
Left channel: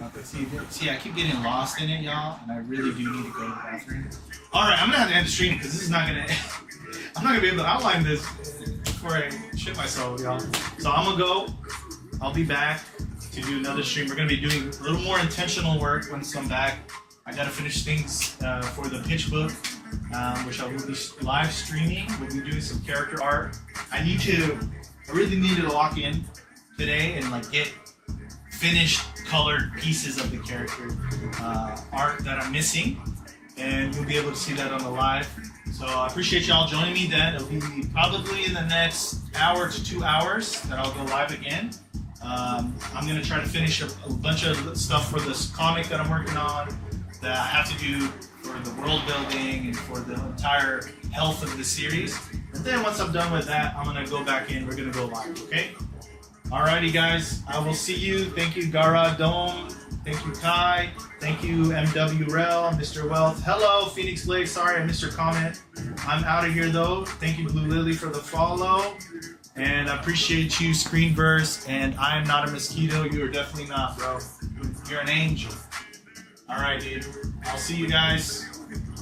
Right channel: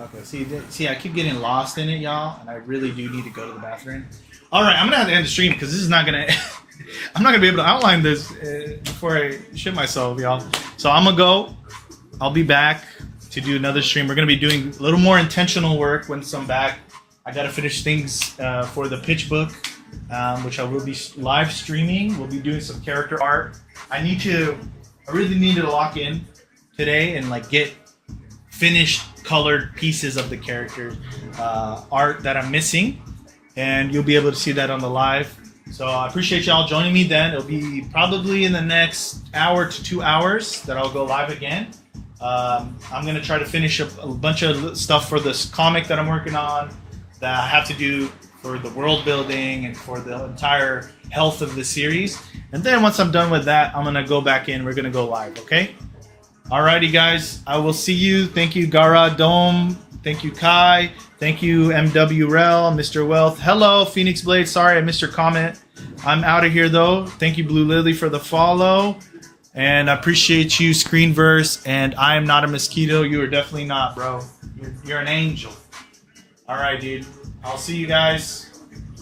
Okay, see, I keep getting lost in it, y'all. I really do need to go to the bathroom. All right, I'm gonna have to end the stream because this is not gonna. I'm not gonna be able to outline this before I shit myself, y'all. So I'm gonna go. I'll be back to do another stream. We're gonna be doing a little more intentional work once I'm back. I gotta finish things for the pitch book, which I will be live streaming. We'll be doing some character art. I really need to lock in today and like get finished colored pieces of the character art that I'm missing, and you'll be able to see that on the live. So I appreciate y'all joining me then. It'll be probably in the next hour to 2 hours that I'll go live again. I'm gonna try to finish a bunch of stuff for this comic that I'm working on that I have to do for the world building and for the entire health of the series. And then once I'm done with that, I'm gonna go back in. We're gonna go live, okay? Alrighty, guys. I will see you. Thank you, Gara Dome. Thank you, Kai. Thank you, MW Rel, Mr. Wealth. Hello, Phoenix Blade. Sorry I missed your comment. I'm out of here though. Thank you, Blue Lily, for the follow. And I appreciate you, Screenverse. And I am not a mosquito. You are definitely not, bro. You're an angel. All right, dude. I'll see you guys.